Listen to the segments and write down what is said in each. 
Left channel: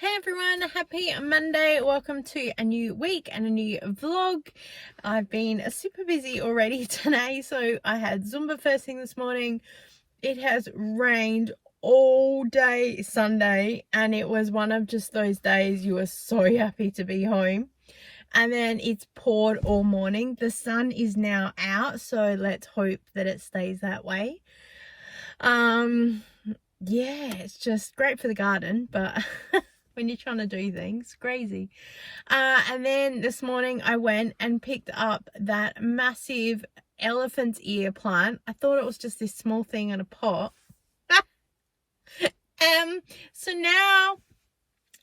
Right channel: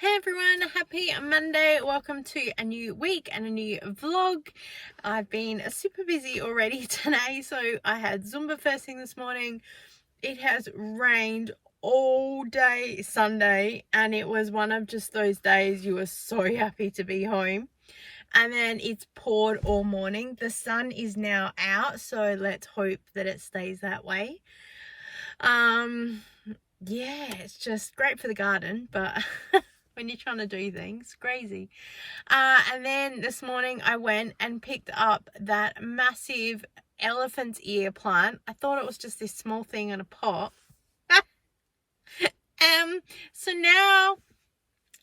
Hey everyone, happy Monday. Welcome to a new week and a new vlog. I've been super busy already today. So I had Zumba first thing this morning. It has rained all day Sunday and it was one of just those days you were so happy to be home. And then it's poured all morning. The sun is now out, so let's hope that it stays that way. Yeah, it's just great for the garden, but when you're trying to do things, crazy. And then this morning I went and picked up that massive elephant's ear plant. I thought it was just this small thing in a pot. So now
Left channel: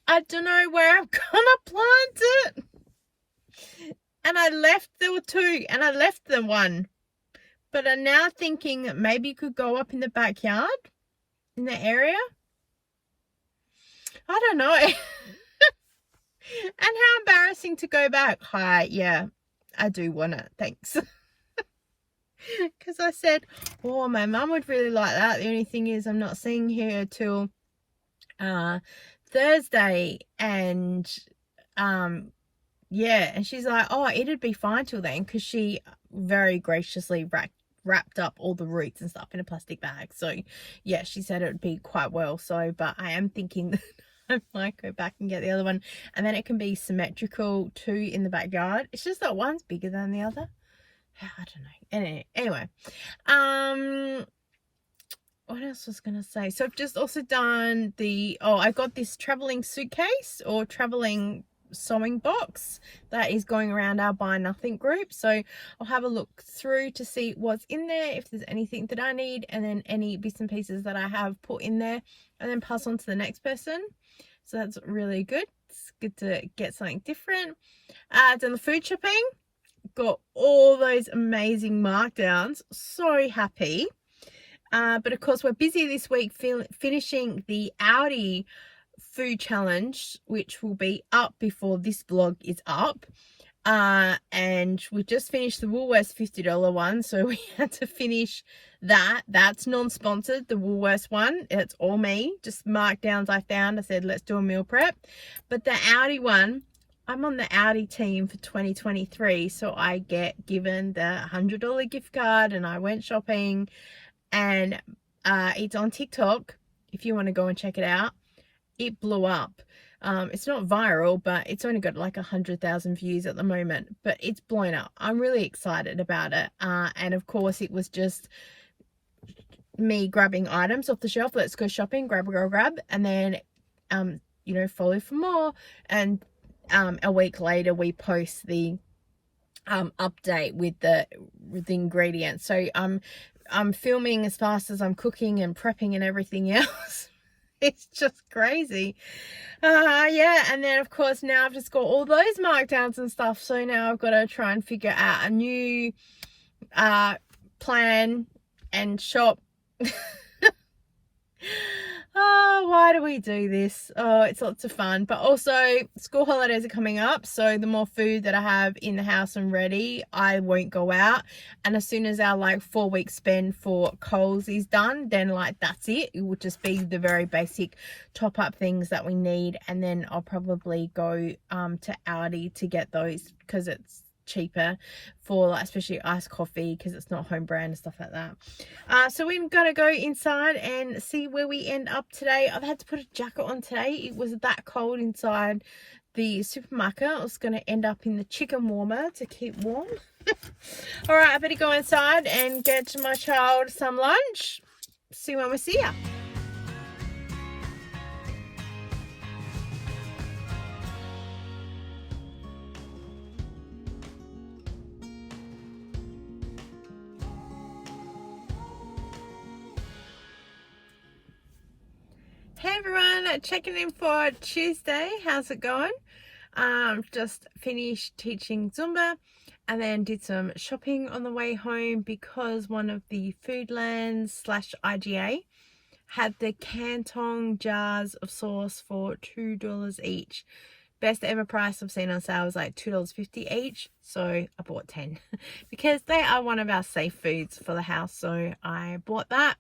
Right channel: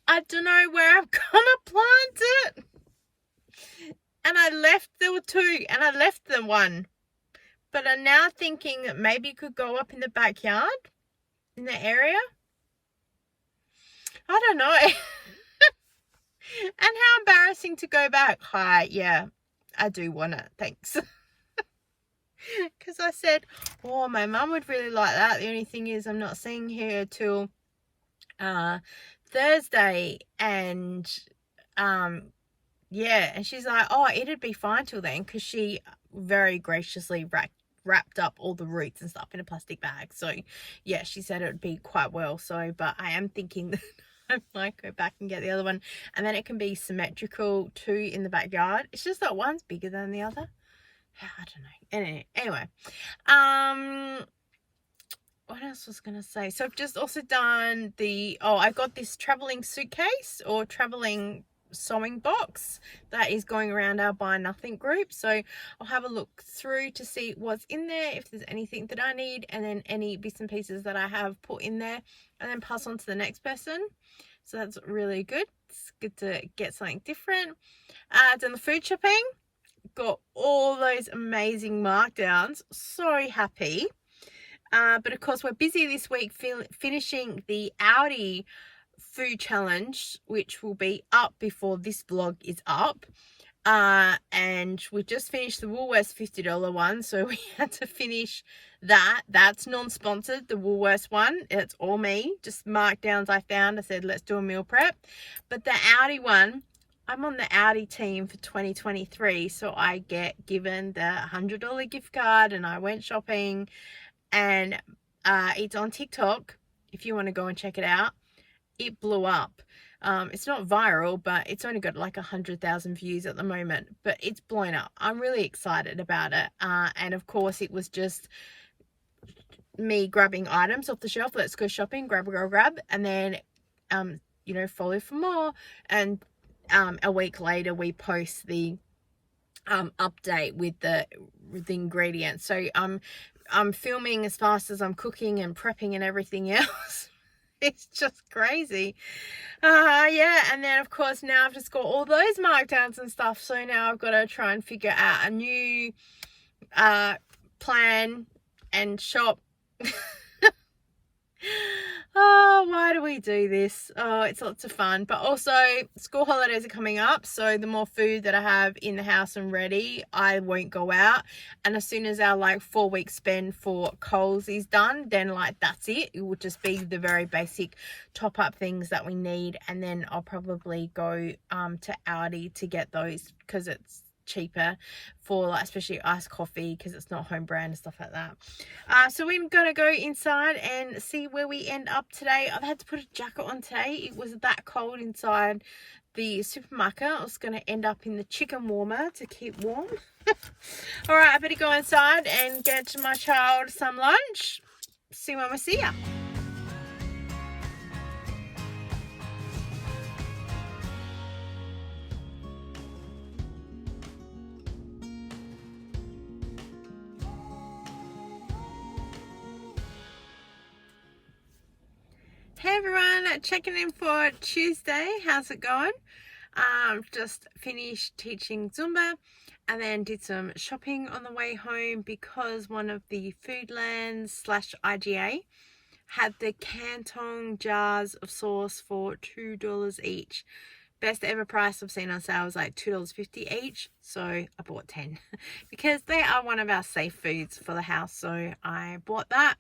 I don't know where I'm gonna plant it. And there were two and I left them one. But I'm now thinking that maybe it could go up in the backyard, in the area. I don't know. And how embarrassing to go back. Hi, yeah, I do want it. Thanks. Because I said, oh, my mum would really like that. The only thing is I'm not seeing her till Thursday. And yeah, and she's like, oh, it'd be fine till then, because she very graciously wrapped up all the roots and stuff in a plastic bag. So yeah, she said it would be quite well. So, but I am thinking that I might go back and get the other one, and then it can be symmetrical too in the backyard. It's just that one's bigger than the other. I don't know. Anyway, what else was gonna say? So I've just also done I got this traveling suitcase or traveling sewing box that is going around our Buy Nothing group. So I'll have a look through to see what's in there, if there's anything that I need, and then any bits and pieces that I have put in there, and then pass on to the next person. So that's really good. It's good to get something different. Done the food shopping, got all those amazing markdowns, so happy. But of course we're busy this week finishing the Audi food challenge, which will be up before this vlog is up. And we just finished the Woolworths $50 one, so we had to finish that. That's non-sponsored, the Woolworths one. It's all me, just markdowns I found. I said let's do a meal prep. But the Audi one, I'm on the Audi team for 2023, so I get given the $100 gift card, and I went shopping, and it's on TikTok if you want to go and check it out. It blew up. It's not viral, but it's only got like 100,000 views at the moment, but it's blown up. I'm really excited about it. And of course it was just me grabbing items off the shelf. Let's go shopping, grab, and then follow for more. And a week later we post the update with the ingredients. So I'm filming as fast as I'm cooking and prepping and everything else. It's just crazy. Yeah, and then of course now I've just got all those markdowns and stuff, so now I've got to try and figure out a new plan and shop. Oh, why do we do this? Oh, it's lots of fun. But also school holidays are coming up, so the more food that I have in the house and ready, I won't go out. And as soon as our 4-week spend for Coles is done, then that's it. It will just be the very basic top up things that we need, and then I'll probably go to Aldi to get those, because it's cheaper for especially iced coffee, because it's not home brand and stuff like that. So we've got to go inside and see where we end up today. I've had to put a jacket on today. It was that cold inside the supermarket. I was going to end up in the chicken warmer to keep warm. All right, I better go inside and get my child some lunch. See when we see ya. Hey everyone, checking in for Tuesday. How's it going? Just finished teaching Zumba and then did some shopping on the way home, because one of the Foodlands / IGA had the Canton jars of sauce for $2 each. Best ever price I've seen on sale was like $2.50 each, so I bought 10 because they are one of our safe foods for the house, so I bought that.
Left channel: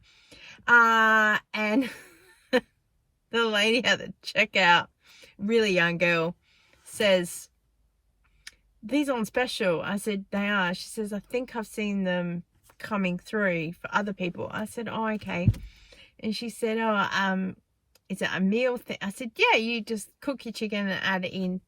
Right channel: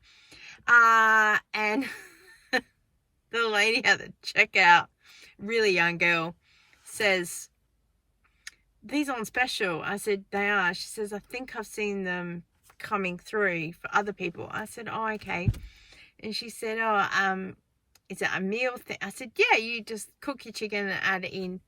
And the lady at the checkout really young girl, says, "These on special." I said, "They are." She says, "I think I've seen them coming through for other people." I said, "Oh, okay." And she said, "Oh, is it a meal thing?" I said, "Yeah, you just cook your chicken and add it in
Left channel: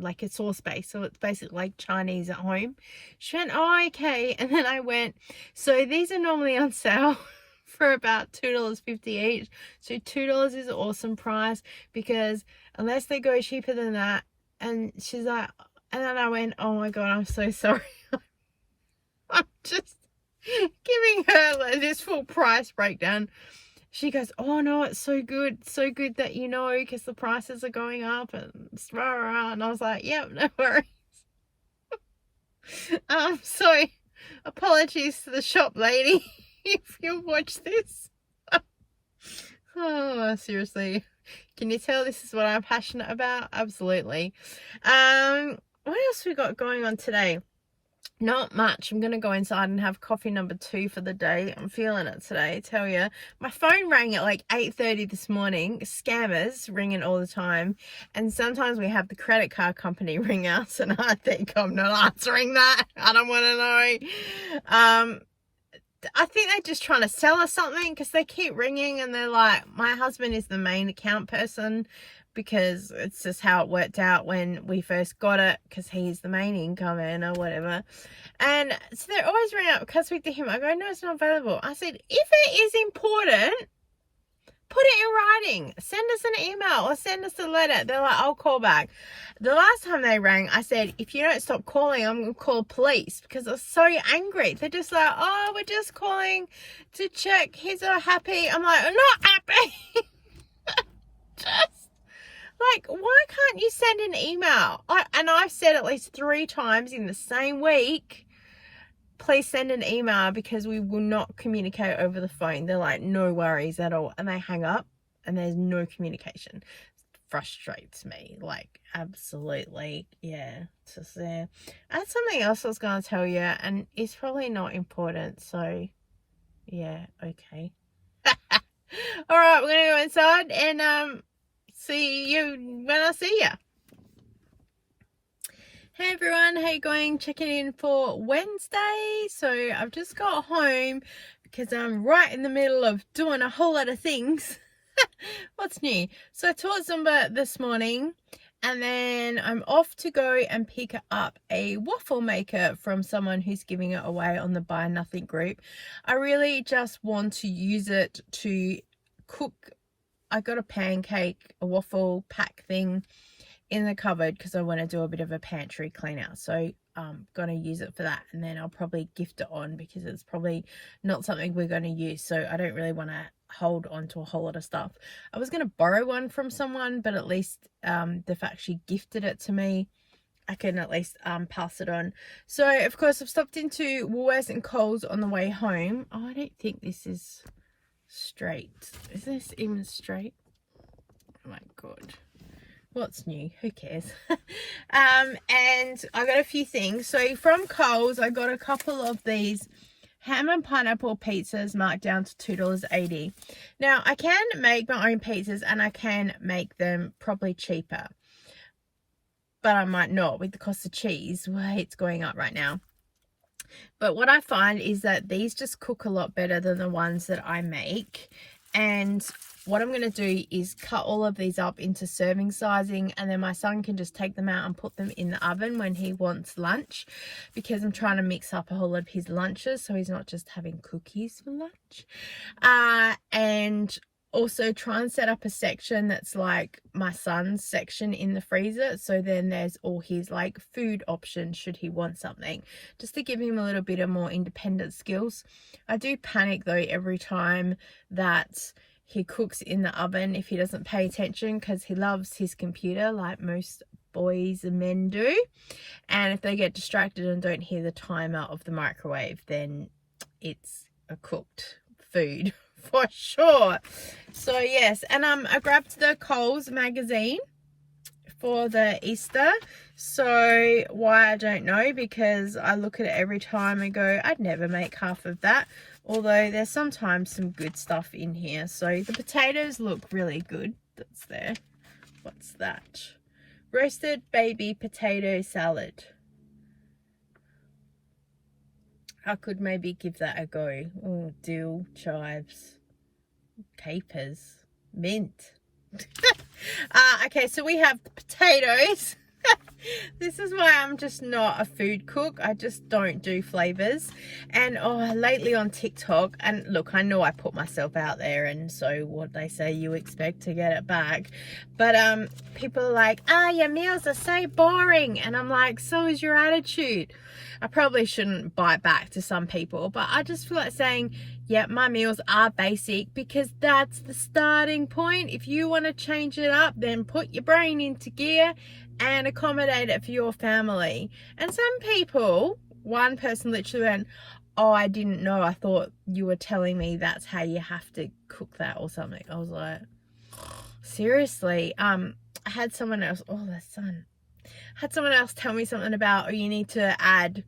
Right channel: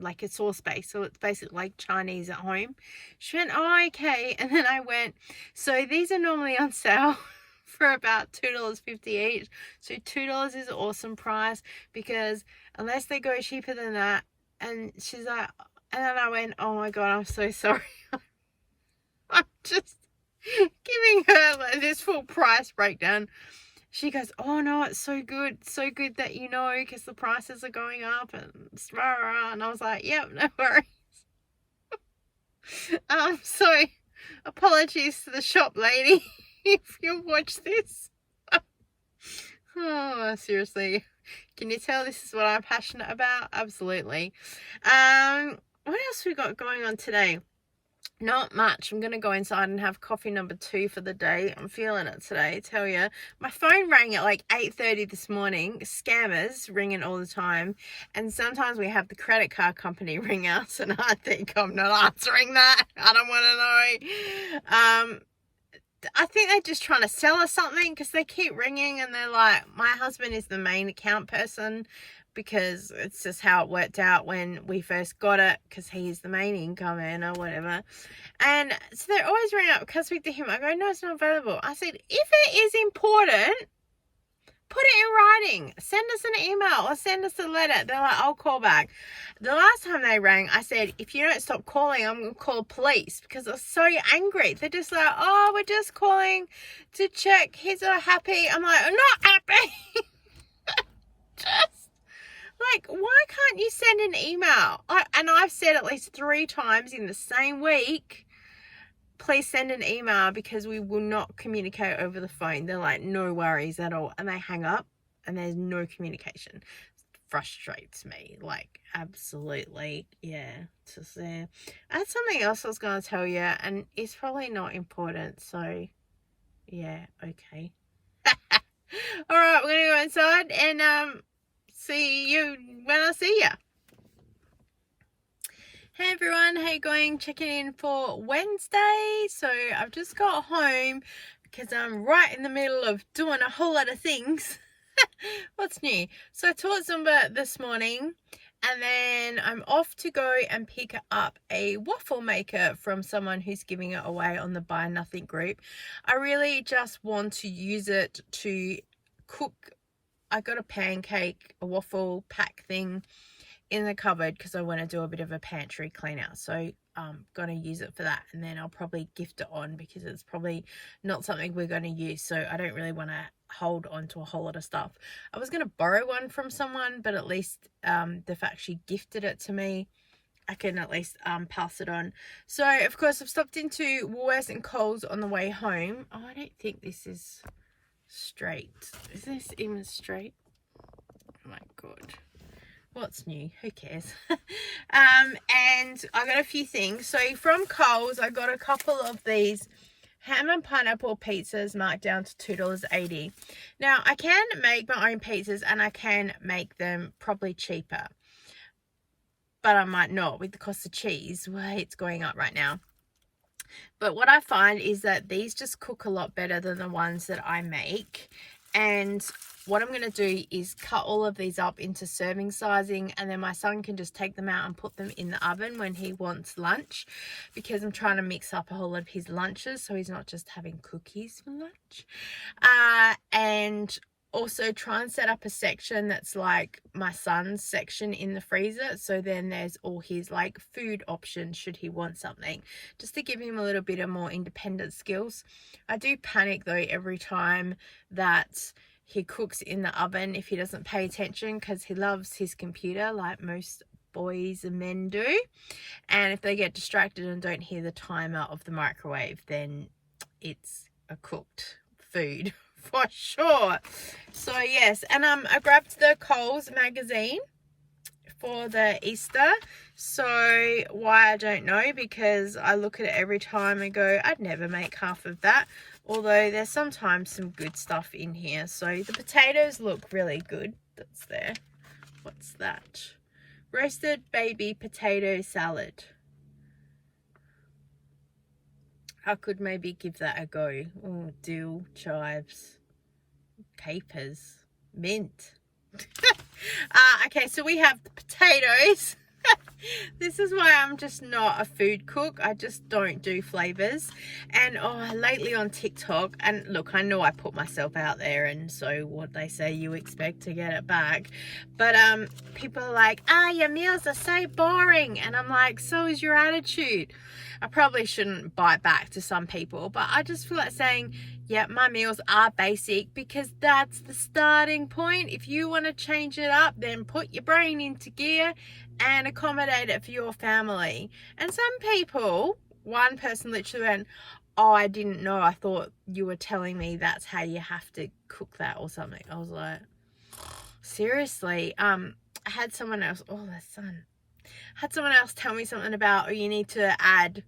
like a sauce base. So it's basically like Chinese at home." She went, "Oh, okay." And then I went, "So these are normally on sale for about $2.50 each. So $2 is an awesome price, because unless they go cheaper than that." And she's like, and then I went, "Oh my God, I'm so sorry." I'm just giving her like this full price breakdown. She goes, "Oh no, it's so good that you know, because the prices are going up and rah, rah, rah." And I was like, "Yep, no worries." So apologies to the shop lady if you watch this. Oh, seriously, can you tell this is what I'm passionate about? Absolutely. What else we got going on today? Not much. I'm going to go inside and have coffee number 2 for the day. I'm feeling it today, I tell you. My phone rang at like 8:30 this morning. Scammers ringing all the time. And sometimes we have the credit card company ring us, and I think I'm not answering that. I don't want to know. I think they're just trying to sell us something, because they keep ringing and they're like, my husband is the main account person, because it's just how it worked out when we first got it, because he's the main income earner, whatever. And so they're always ringing up. Because I speak to him, I go, "No, it's not available." I said, "If it is important, put it in writing. Send us an email or send us a letter." They're like, "I'll call back." The last time they rang, I said, "If you don't stop calling, I'm going to call police," because I was so angry. They're just like, "Oh, we're just calling to check he's not happy." I'm like, "I'm not happy." Just like, why can't you send an email? And I've said at least 3 times in the same week, "Please send an email, because we will not communicate over the phone." They're like, "No worries at all." And they hang up and there's no communication. It frustrates me, like, absolutely. Yeah, it's just there. I had something else I was going to tell you, and it's probably not important, so yeah, okay. All right, we're gonna go inside and see you when I see you. Hey everyone, how you going? Checking in for Wednesday. So I've just got home because I'm right in the middle of doing a whole lot of things. What's new? So I taught Zumba this morning, and then I'm off to go and pick up a waffle maker from someone who's giving it away on the Buy Nothing group. I really just want to use it to cook. I got a waffle pack thing in the cupboard, because I want to do a bit of a pantry clean out. So I'm going to use it for that, and then I'll probably gift it on, because it's probably not something we're going to use. So I don't really want to hold on to a whole lot of stuff. I was going to borrow one from someone, but at least they've actually gifted it to me. I can at least pass it on. So of course I've stopped into Woolworths and Coles on the way home. Oh, I don't think this is straight. Is this even straight? Oh my God. What's new? Who cares? And I got a few things. So from Coles, I got a couple of these ham and pineapple pizzas marked down to $2.80. Now, I can make my own pizzas, and I can make them probably cheaper, but I might not with the cost of cheese. Well, it's going up right now. But what I find is that these just cook a lot better than the ones that I make. And what I'm going to do is cut all of these up into serving sizing, and then my son can just take them out and put them in the oven when he wants lunch, because I'm trying to mix up a whole lot of his lunches, so he's not just having cookies for lunch. And also try and set up a section that's like my son's section in the freezer, so then there's all his like food options should he want something, just to give him a little bit of more independent skills. I do panic though every time that he cooks in the oven if he doesn't pay attention, because he loves his computer like most boys and men do, and if they get distracted and don't hear the timer of the microwave, then it's a cooked food for sure. So yes, and I grabbed the Coles magazine for the Easter. So why, I don't know, because I look at it every time and go, I'd never make half of that, although there's sometimes some good stuff in here. So the potatoes look really good. That's there. What's that? Roasted baby potato salad. I could maybe give that a go. Oh, dill, chives, capers, mint. Okay, so we have the potatoes. This is why I'm just not a food cook. I just don't do flavors. And lately on TikTok, and look, I know I put myself out there, and so what they say, you expect to get it back. But people are like, your meals are so boring, and I'm like, so is your attitude. I probably shouldn't bite back to some people, but I just feel like saying, yeah, my meals are basic, because that's the starting point. If you want to change it up, then put your brain into gear and accommodate it for your family. And some people, one person literally went, oh, I didn't know, I thought you were telling me that's how you have to cook that or something. I was like, seriously. I had someone else, had someone else tell me something about, you need to add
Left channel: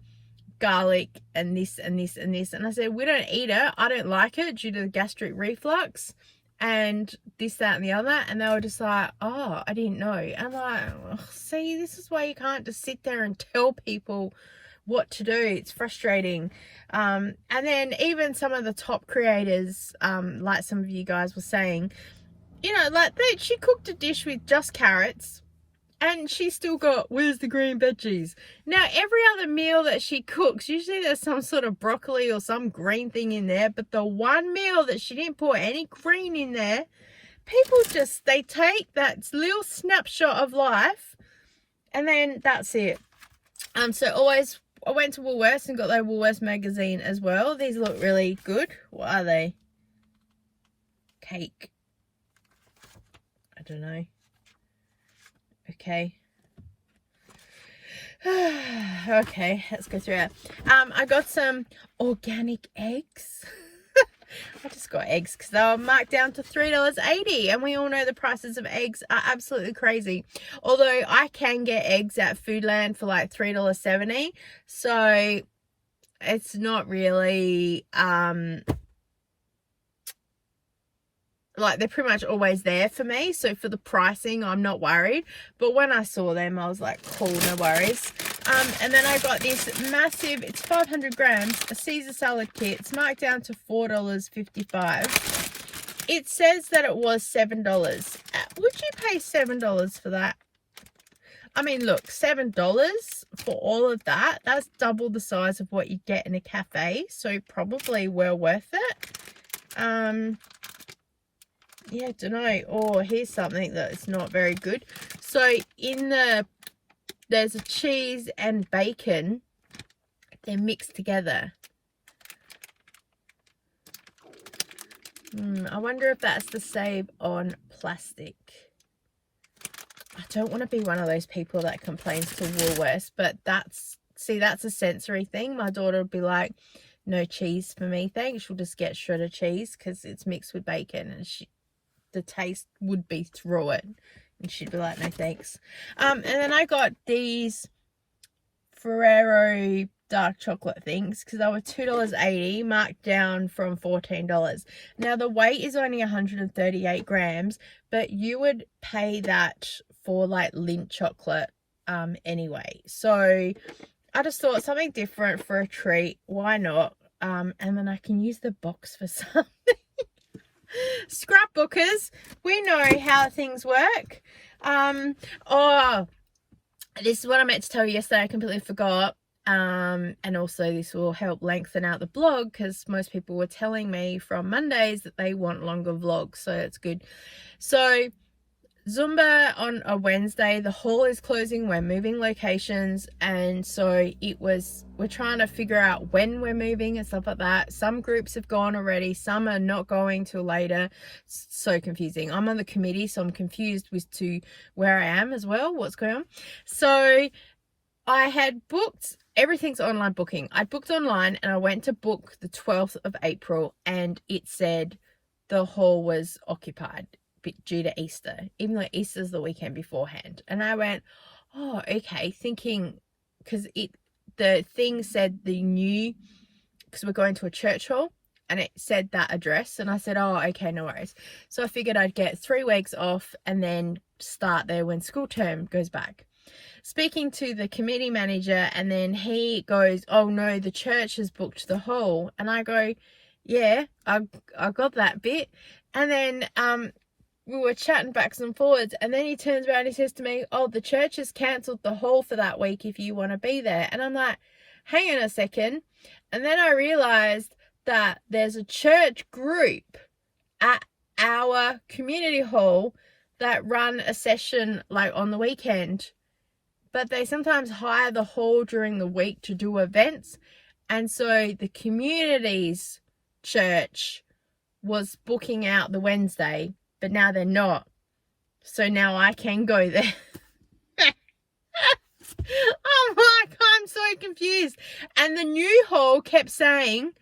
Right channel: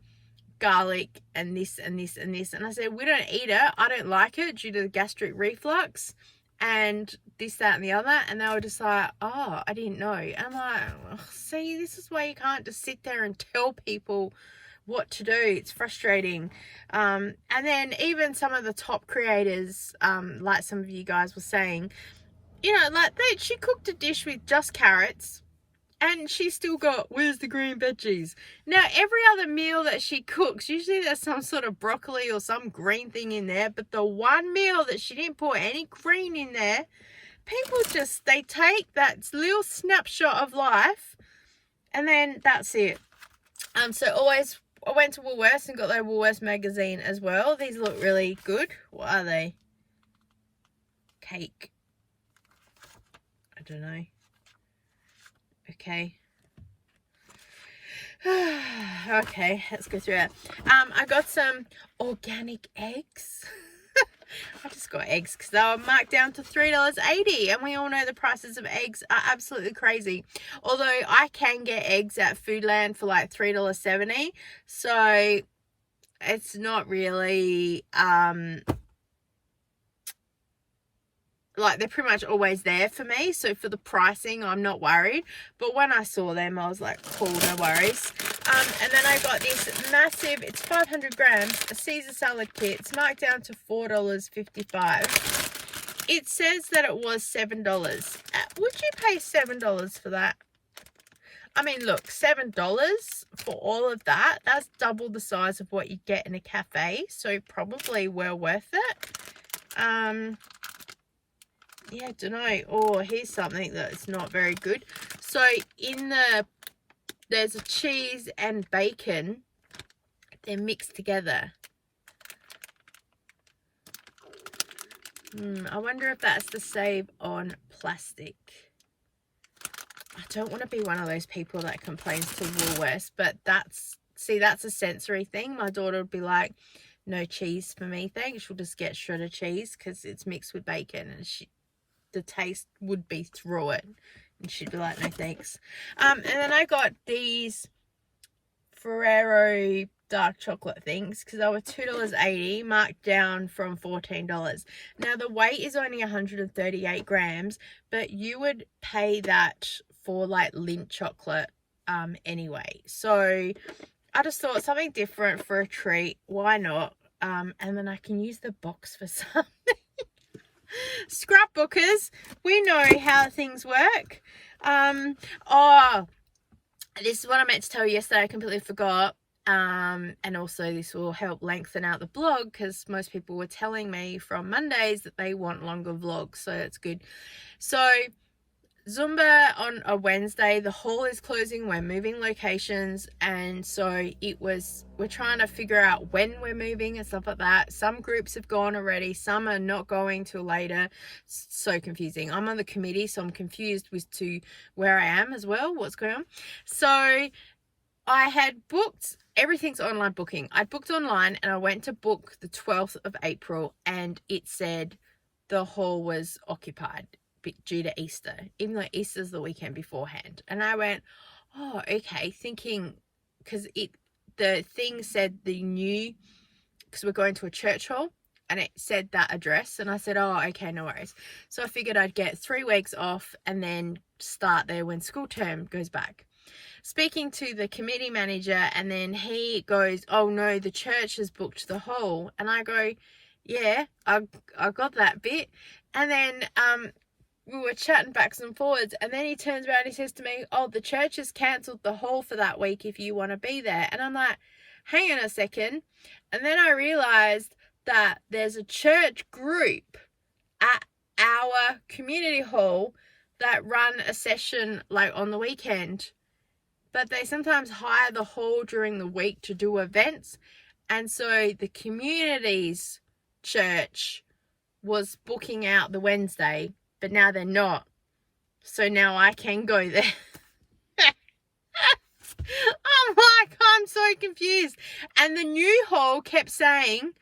garlic and this and this and this, and I said, we don't eat it, I don't like it due to the gastric reflux and this, that and the other. And they were just like, oh, I didn't know. And I'm like, see, this is why you can't just sit there and tell people what to do. It's frustrating. And then even some of the top creators, like some of you guys were saying, you know, like she cooked a dish with just carrots, and she still got, where's the green veggies? Now, every other meal that she cooks, usually there's some sort of broccoli or some green thing in there. But the one meal that she didn't put any green in there, people just, they take that little snapshot of life and then that's it. So always, I went to Woolworths and got their Woolworths magazine as well. These look really good. What are they? Cake. I don't know. Okay. Okay, let's go through it. I got some organic eggs. I just got eggs because they were marked down to $3.80, and we all know the prices of eggs are absolutely crazy. Although I can get eggs at Foodland for like $3.70, so it's not really like, they're pretty much always there for me. So for the pricing, I'm not worried. But when I saw them, I was like, cool, no worries. And then I got this massive, it's 500 grams, a Caesar salad kit. It's marked down to $4.55. It says that it was $7. Would you pay $7 for that? I mean, look, $7 for all of that, that's double the size of what you get in a cafe. So probably well worth it. Yeah, don't know. Oh, here's something that's not very good. So there's a cheese and bacon. They're mixed together. I wonder if that's to save on plastic. I don't want to be one of those people that complains to Woolworths, but that's a sensory thing. My daughter would be like, no cheese for me, thanks. She'll just get shredded cheese because it's mixed with bacon, and the taste would be through it, and she'd be like, no thanks. And then I got these Ferrero dark chocolate things because they were $2.80, marked down from $14. Now the weight is only 138 grams, but you would pay that for like Lindt chocolate anyway. So I just thought something different for a treat, why not? And then I can use the box for something. Scrapbookers, we know how things work. This is what I meant to tell you yesterday, I completely forgot. And also this will help lengthen out the blog, because most people were telling me from Mondays that they want longer vlogs, so that's good. So Zumba on a Wednesday, the hall is closing, we're moving locations, and so we're trying to figure out when we're moving and stuff like that. Some groups have gone already, some are not going till later. So confusing. I'm on the committee, so I'm confused with to where I am as well, what's going on. So I had booked, everything's online booking. I booked online and I went to book the 12th of April and it said the hall was occupied due to Easter, even though Easter's the weekend beforehand. And I went, oh, okay, thinking, because the thing said because we're going to a church hall, and it said that address, and I said, oh, okay, no worries. So I figured I'd get 3 weeks off and then start there when school term goes back. Speaking to the committee manager, and then he goes, oh no, the church has booked the hall. And I go, yeah, I got that bit. And then we were chatting backs and forwards, and then he turns around and he says to me, oh, the church has cancelled the hall for that week if you want to be there. And I'm like, hang on a second. And then I realized that there's a church group at our community hall that run a session like on the weekend, but they sometimes hire the hall during the week to do events. And so the community's church was booking out the Wednesday, but now they're not. So now I can go there. I'm like, I'm so confused. And the new hall kept saying,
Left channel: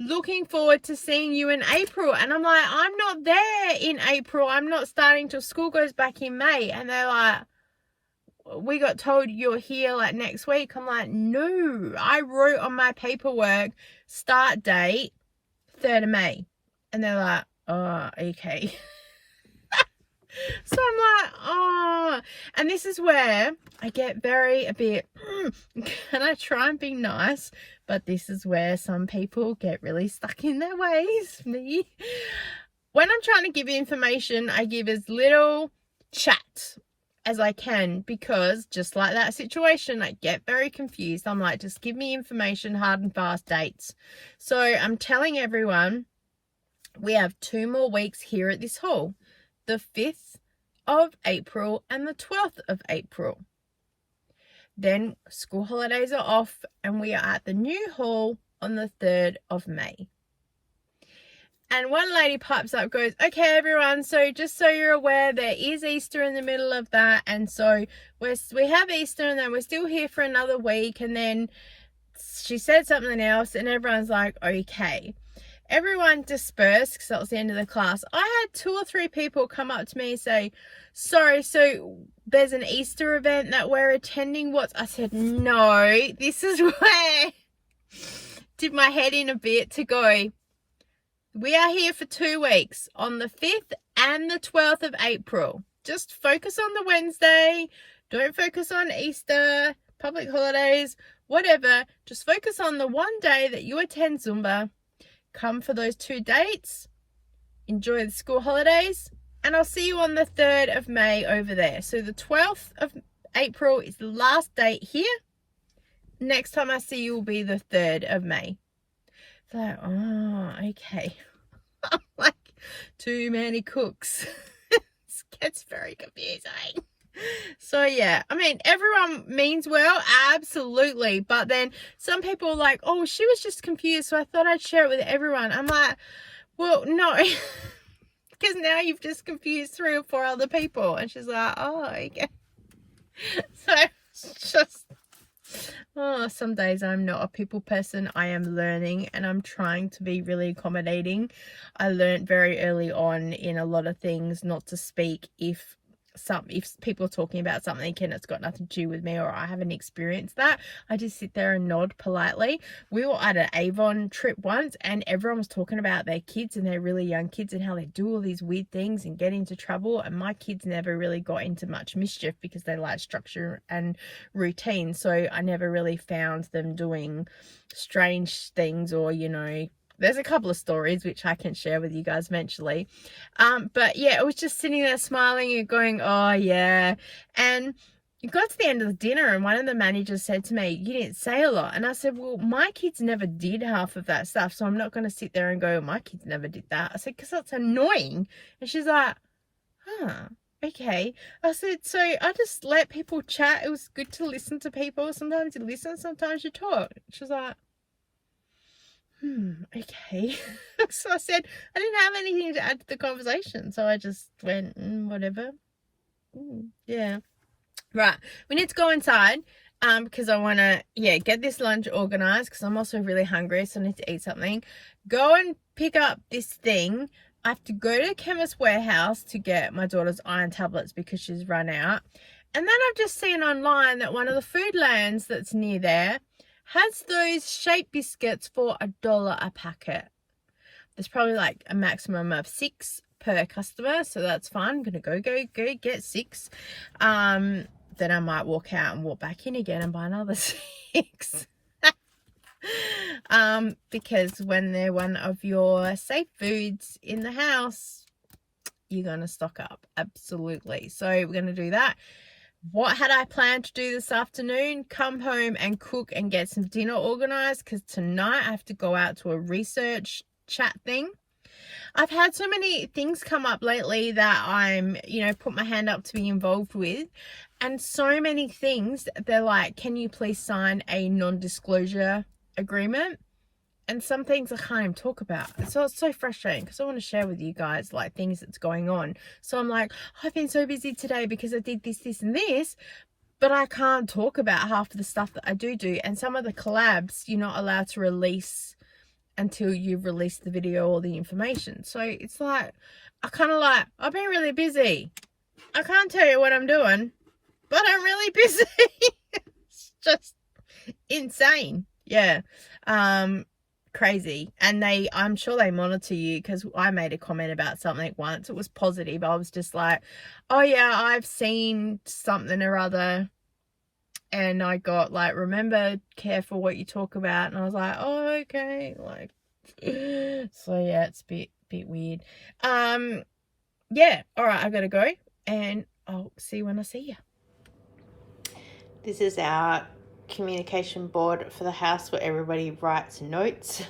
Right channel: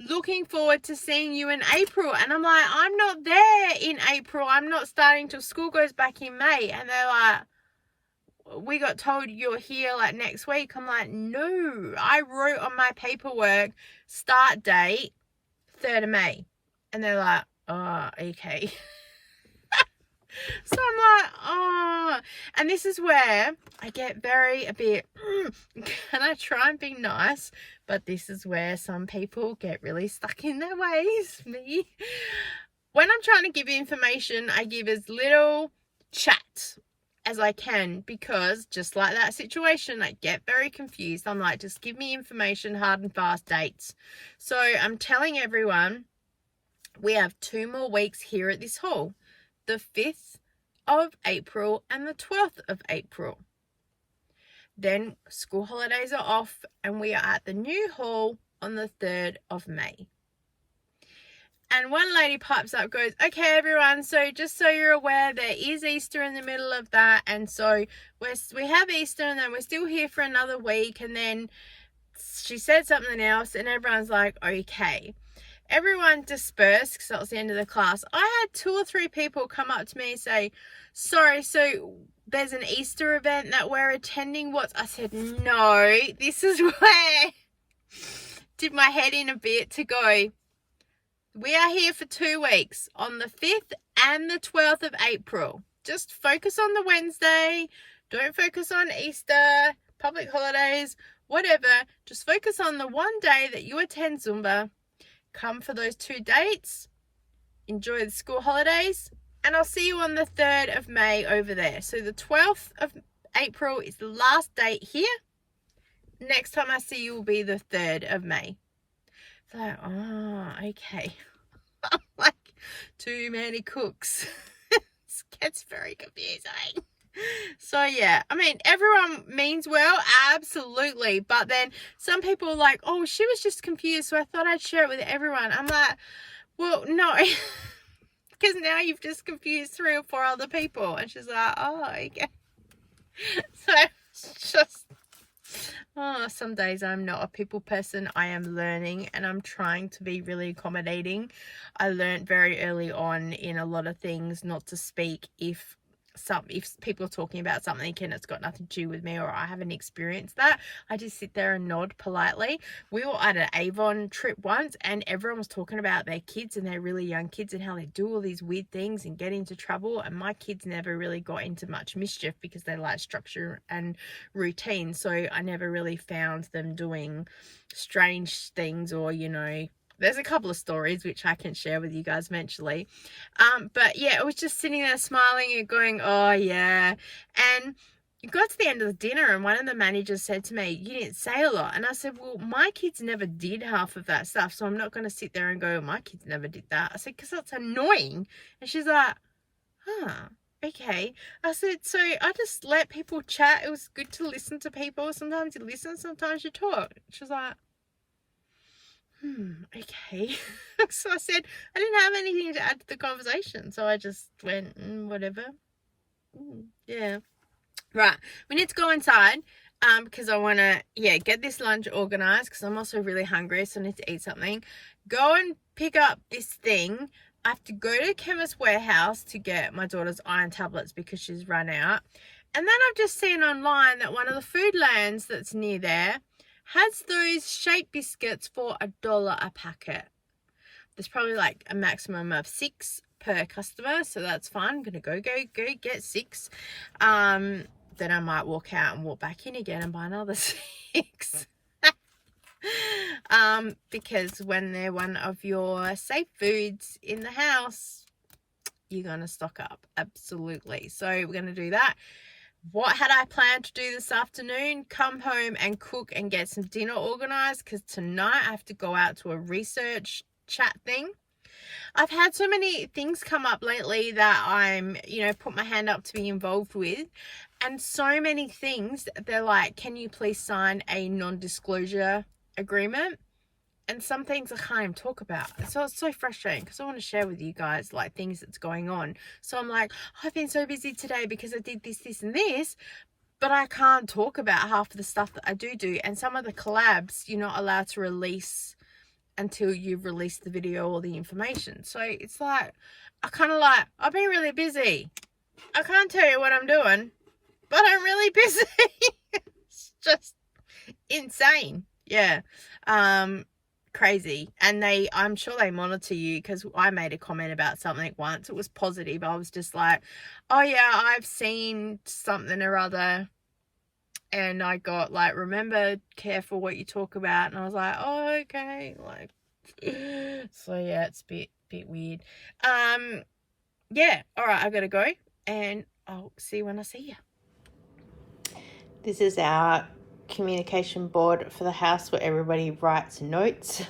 looking forward to seeing you in April. And I'm like, I'm not there in April. I'm not starting till school goes back in May. And they're like, we got told you're here like next week. I'm like, no, I wrote on my paperwork start date 3rd of May. And they're like, oh, okay. So I'm like, oh, and this is where I get a bit, and I try and be nice, but this is where some people get really stuck in their ways. Me, when I'm trying to give information, I give as little chat as I can, because just like that situation, I get very confused. I'm like, just give me information, hard and fast dates. So I'm telling everyone we have 2 more weeks here at this hall. The 5th of April and the 12th of April. Then school holidays are off and we are at the new hall on the 3rd of May. And one lady pipes up, goes, okay, everyone, so just so you're aware, there is Easter in the middle of that. And so we have Easter and then we're still here for another week. And then she said something else and everyone's like, okay. Everyone dispersed because that was the end of the class. I had 2 or 3 people come up to me and say, sorry, so there's an Easter event that we're attending. I said, no, this is where did my head in a bit to go, we are here for 2 weeks on the 5th and the 12th of April. Just focus on the Wednesday. Don't focus on Easter, public holidays, whatever. Just focus on the one day that you attend Zumba. Come for those 2 dates, enjoy the school holidays, and I'll see you on the 3rd of May over there. So the 12th of April is the last date here. Next time I see you will be the 3rd of May. So, oh, okay. I'm like, too many cooks. It gets very confusing. So yeah, I mean, everyone means well, absolutely, but then some people are like, oh, she was just confused, so I thought I'd share it with everyone. I'm like, well, no, because now you've just confused 3 or 4 other people. And she's like, oh, okay. So it's just, oh, some days I'm not a people person. I am learning and I'm trying to be really accommodating. I learned very early on in a lot of things not to speak if people are talking about something and it's got nothing to do with me or I haven't experienced that. I just sit there and nod politely. We were at an Avon trip once and everyone was talking about their kids and their really young kids and how they do all these weird things and get into trouble, and my kids never really got into much mischief because they like structure and routine, so I never really found them doing strange things or, you know, there's a couple of stories which I can share with you guys eventually. But yeah, I was just sitting there smiling and going, oh yeah. And it got to the end of the dinner and one of the managers said to me, you didn't say a lot. And I said, well, my kids never did half of that stuff, so I'm not going to sit there and go, my kids never did that. I said, because that's annoying. And she's like, huh, okay. I said, so I just let people chat. It was good to listen to people. Sometimes you listen, sometimes you talk. She was like, okay. So I said, I didn't have anything to add to the conversation. So I just went, whatever. Yeah. Right. We need to go inside because I want to, get this lunch organized because I'm also really hungry. So I need to eat something. Go and pick up this thing. I have to go to Chemist Warehouse to get my daughter's iron tablets because she's run out. And then I've just seen online that one of the Foodlands that's near there has those shape biscuits for $1 a packet. There's probably like a maximum of 6 per customer, so that's fun. I'm gonna go get 6. Then I might walk out and walk back in again and buy another 6. Because when they're one of your safe foods in the house, you're gonna stock up. Absolutely. So we're gonna do that. What had I planned to do this afternoon? Come home and cook and get some dinner organized, because tonight I have to go out to a research chat thing. I've had so many things come up lately that I'm, put my hand up to be involved with, and so many things, they're like, can you please sign a non-disclosure agreement? And some things I can't even talk about. So it's so frustrating, because I want to share with you guys like things that's going on. So I'm like, I've been so busy today because I did this, and this, but I can't talk about half of the stuff that I do. And some of the collabs you're not allowed to release until you've released the video or the information. So it's like, I've been really busy. I can't tell you what I'm doing, but I'm really busy. It's just insane. Yeah. Crazy. And I'm sure they monitor you, because I made a comment about something once. It was positive. I was just like, oh yeah, I've seen something or other, and I got like, remember, careful what you talk about. And I was like, oh, okay. Like, so yeah, it's a bit weird. Yeah, all right, I gotta go, and I'll see you when I see you. This is our communication board for the house where everybody writes notes.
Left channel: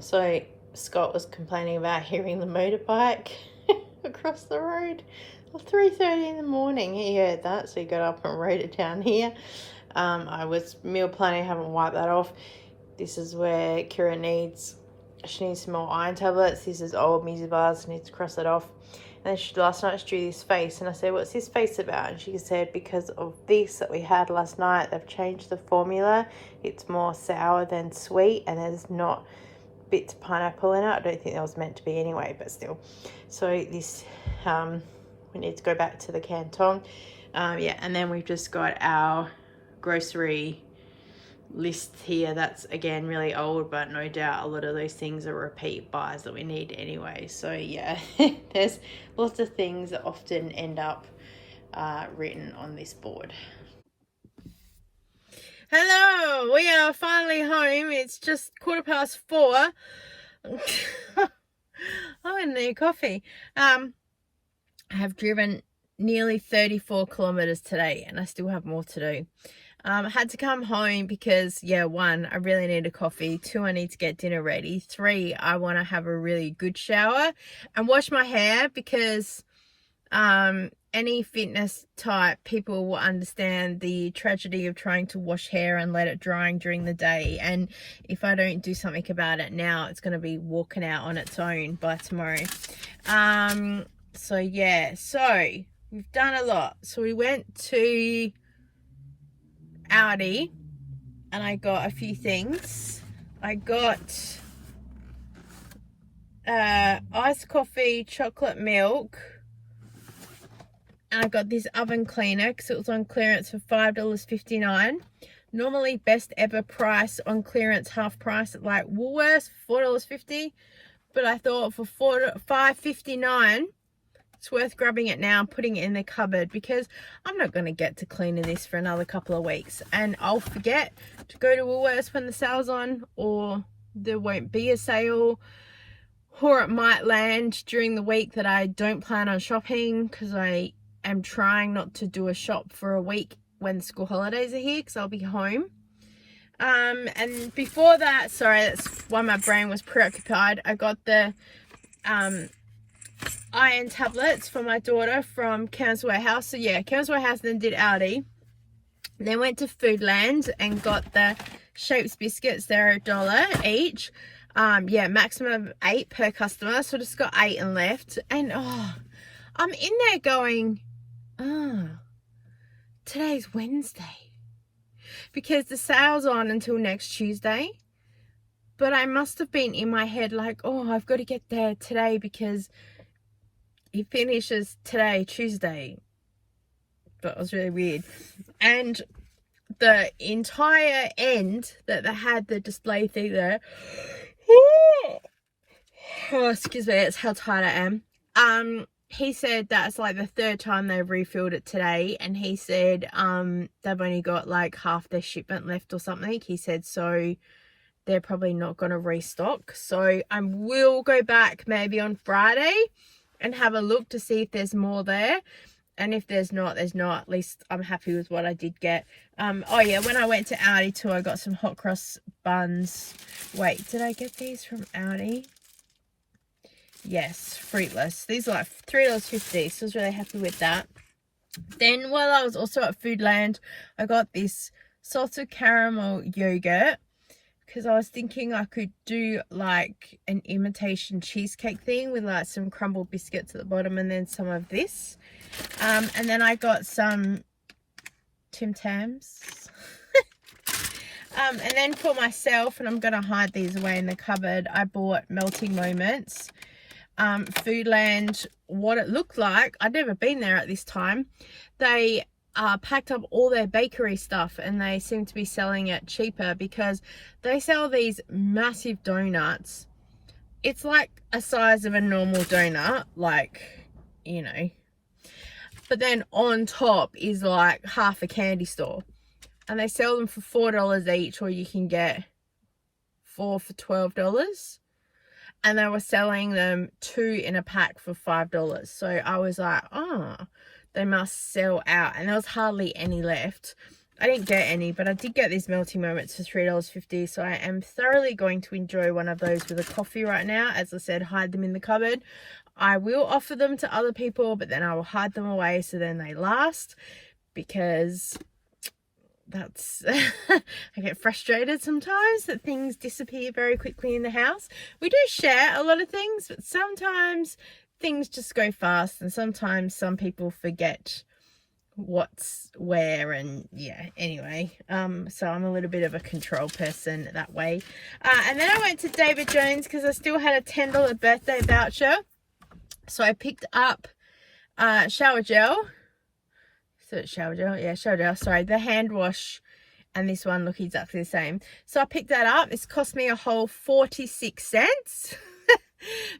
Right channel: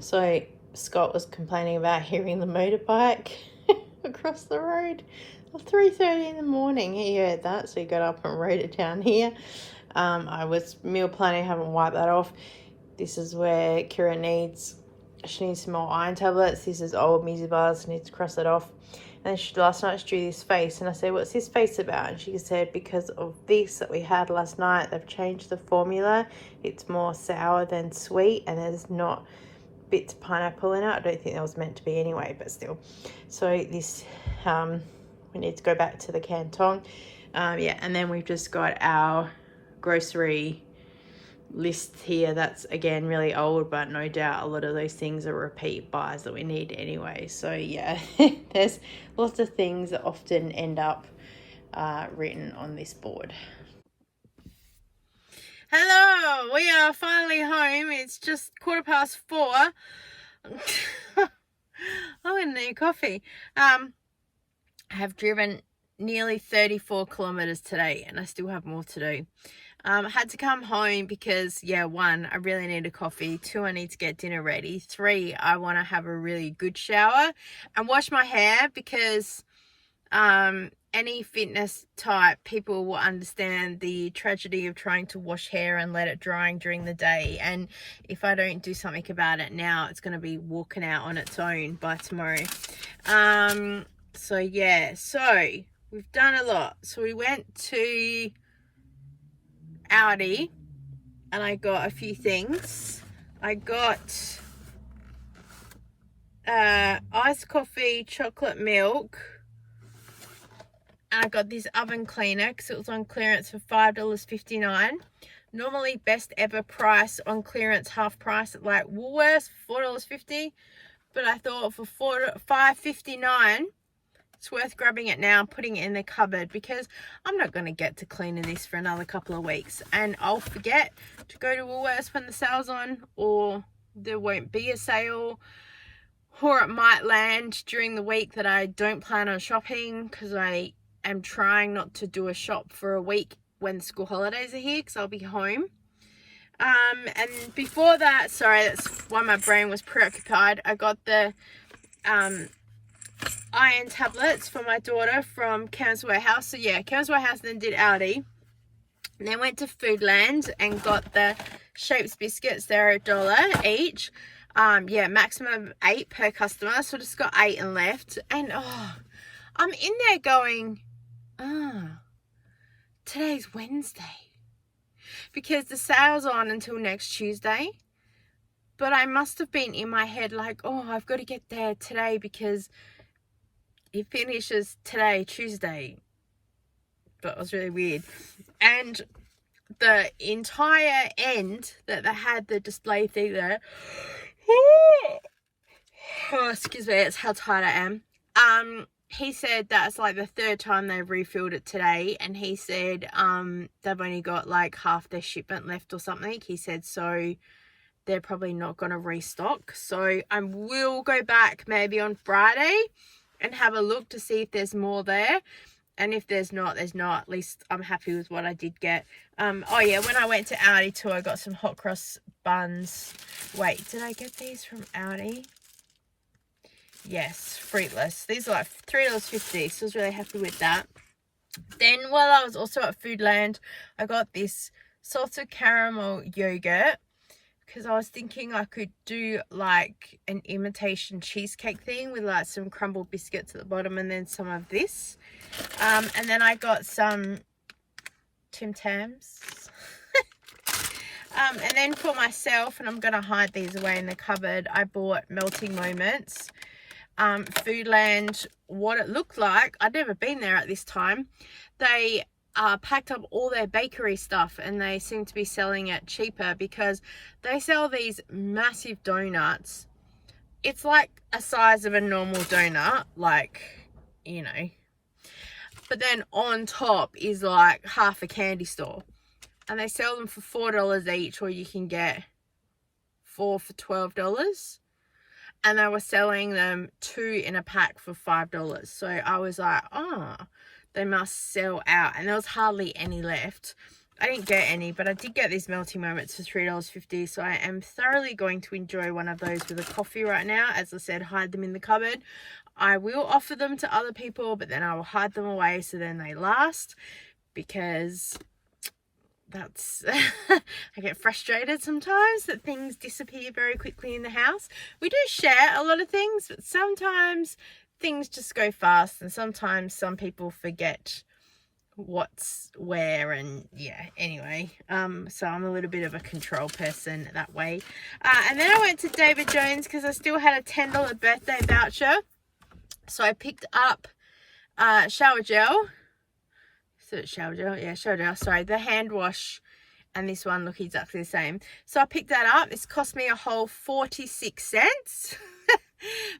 So Scott was complaining about hearing the motorbike across the road at 3:30 in the morning. He heard that, so he got up and wrote it down here. I was meal planning, haven't wiped that off. This is where Kira needs some more iron tablets. This is old music bars, I need to cross it off. And then last night she drew this face, and I said, what's this face about? And she said, because of this that we had last night, they've changed the formula. It's more sour than sweet, and there's not bits of pineapple in it. I don't think that was meant to be anyway, but still. So this, we need to go back to the Canton. Yeah, and then we've just got our grocery list here. That's again really old, but no doubt a lot of those things are repeat buys that we need anyway. So yeah, there's lots of things that often end up written on this board. Hello, we are finally home. It's just 4:15. I need coffee. I have driven nearly 34 kilometers today, and I still have more to do. I had to come home because, yeah, 1, I really need a coffee. 2, I need to get dinner ready. 3, I want to have a really good shower and wash my hair, because any fitness type people will understand the tragedy of trying to wash hair and let it drying during the day. And if I don't do something about it now, it's going to be walking out on its own by tomorrow. So yeah, so we've done a lot. So we went to Aldi and I got a few things. I got iced coffee, chocolate milk, and I got this oven cleaner because it was on clearance for $5.59. Normally best ever price on clearance, half price at like Woolworths, $4.50, but I thought for $5.59 it's worth grabbing it now and putting it in the cupboard, because I'm not going to get to cleaning this for another couple of weeks, and I'll forget to go to Woolworths when the sale's on, or there won't be a sale, or it might land during the week that I don't plan on shopping, because I am trying not to do a shop for a week when school holidays are here, because I'll be home. And before that, sorry, that's why my brain was preoccupied, I got the iron tablets for my daughter from Cairns Warehouse. So yeah, Cairns Warehouse, then did Aldi, then went to Foodland and got the Shapes biscuits. They're $1 each. Yeah, maximum of 8 per customer, so just got 8 and left. And I'm in there going, today's Wednesday, because the sale's on until next Tuesday. But I must have been in my head like, I've got to get there today because it finishes today, Tuesday. But it was really weird. And the entire end that they had the display thing there, excuse me, it's how tired I am. he said that's like the third time they've refilled it today, and he said they've only got like half their shipment left or something. He said so they're probably not going to restock. So I will go back maybe on Friday and have a look to see if there's more there. And if there's not, there's not. At least I'm happy with what I did get. Oh yeah, when I went to Aldi too, I got some hot cross buns. Wait, did I get these from Aldi? Yes, fruitless. These are like $3.50, so I was really happy with that. Then while I was also at Foodland, I got this salted caramel yogurt because I was thinking I could do like an imitation cheesecake thing with like some crumbled biscuits at the bottom and then some of this. And then I got some Tim Tams. And then for myself, and I'm going to hide these away in the cupboard, I bought Melting Moments. Foodland, what it looked like, I'd never been there at this time. They packed up all their bakery stuff and they seem to be selling it cheaper because they sell these massive donuts. It's like a size of a normal donut, like, you know, but then on top is like half a candy store, and they sell them for $4 each, or you can get 4 for $12. And they were selling them 2 in a pack for $5. So I was like, oh, they must sell out. And there was hardly any left. I didn't get any, but I did get these Melting Moments for $3.50. So I am thoroughly going to enjoy one of those with a coffee right now. As I said, hide them in the cupboard. I will offer them to other people, but then I will hide them away so then they last, because that's I get frustrated sometimes that things disappear very quickly in the house. We do share a lot of things, but sometimes things just go fast, and sometimes some people forget what's where, and yeah, anyway, so I'm a little bit of a control person that way. And then I went to David Jones because I still had a $10 birthday voucher, so I picked up shower gel. So shower gel, yeah, shower gel, sorry, the hand wash and this one look exactly the same. So I picked that up. This cost me a whole 46 cents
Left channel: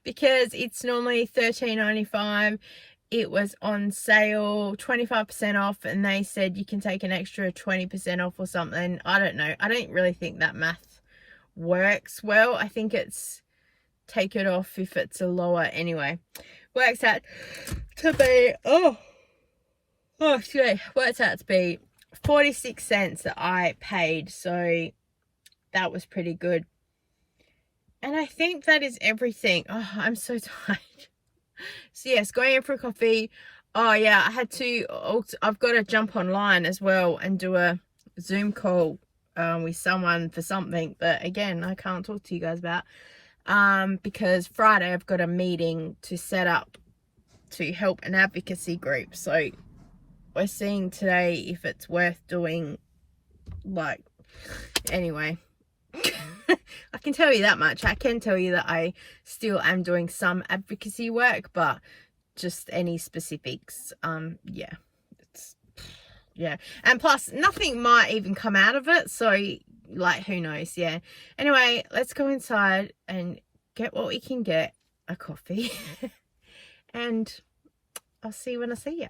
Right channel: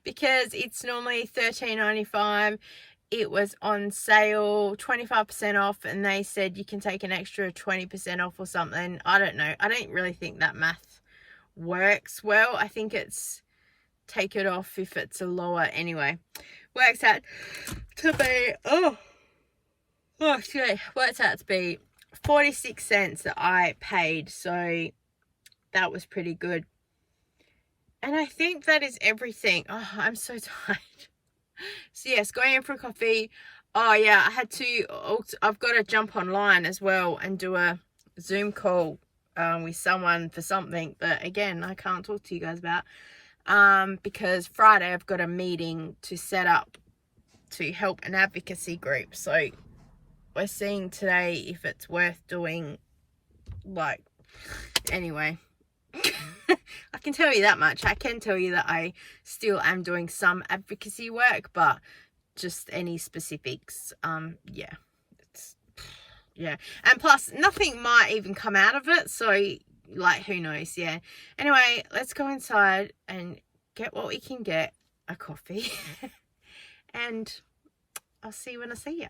because it's normally $13.95. It was on sale, 25% off, and they said you can take an extra 20% off or something. I don't know. I don't really think that math works well. I think it's take it off if it's a lower, anyway. Works out to be, works out to be 46 cents that I paid, so that was pretty good. And I think that is everything. Oh, I'm so tired. So yes, going in for a coffee. Oh yeah, I've got to jump online as well and do a Zoom call with someone for something, but again, I can't talk to you guys about because Friday I've got a meeting to set up to help an advocacy group. So we're seeing today if it's worth doing, like, anyway. I can tell you that much. I can tell you that I still am doing some advocacy work, but just any specifics, yeah. And plus, nothing might even come out of it, so, like, who knows, yeah. Anyway, let's go inside and get what we can get, a coffee, and I'll see you when I see you.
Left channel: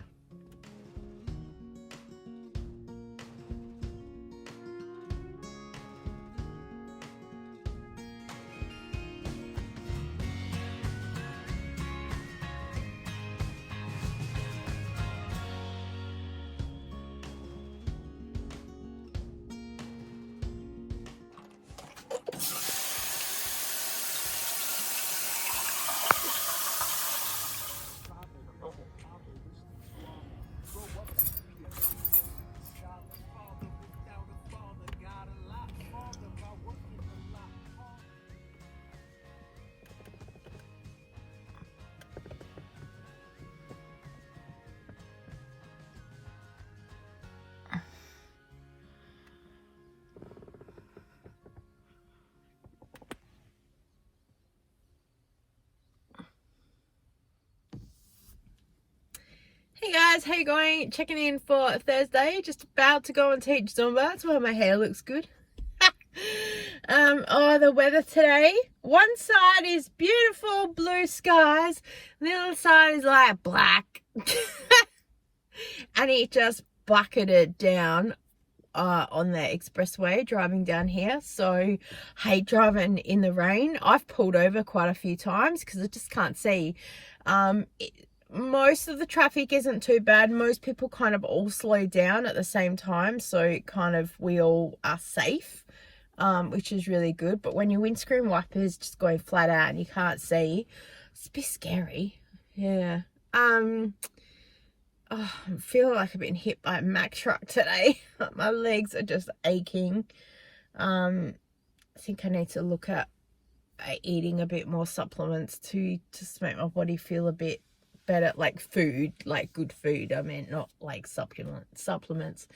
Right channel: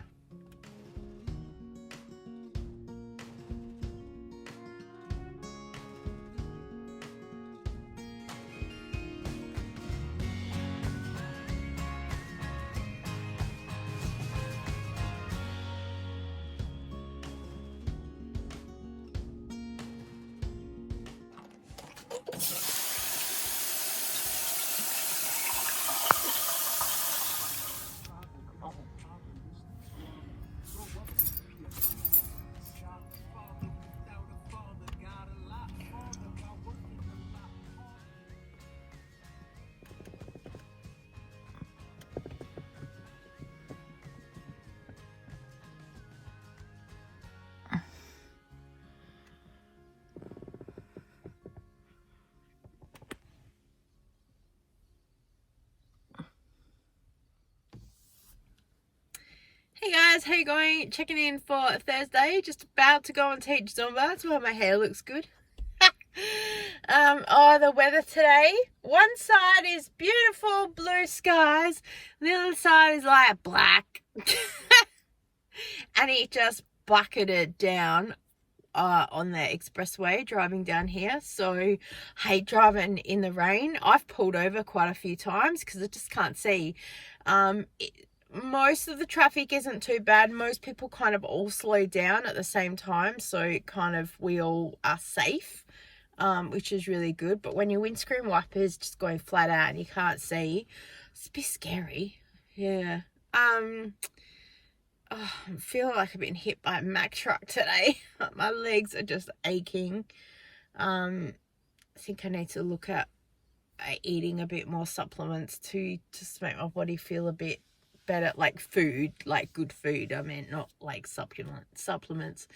Hey guys, how you going? Checking in for Thursday, just about to go and teach Zumba. That's why my hair looks good. Oh, the weather today. One side is beautiful blue skies. The other side is like black. And it just bucketed down on the expressway driving down here. So hate driving in the rain. I've pulled over quite a few times because I just can't see. Most of the traffic isn't too bad. Most people kind of all slow down at the same time, so kind of we all are safe, which is really good. But when your windscreen wipers just going flat out and you can't see, it's a bit scary. Yeah. Oh, I feel like I've been hit by a Mack truck today. My legs are just aching. I think I need to look at eating a bit more supplements to just make my body feel a bit better, like food, like good food. I mean, not like supplements.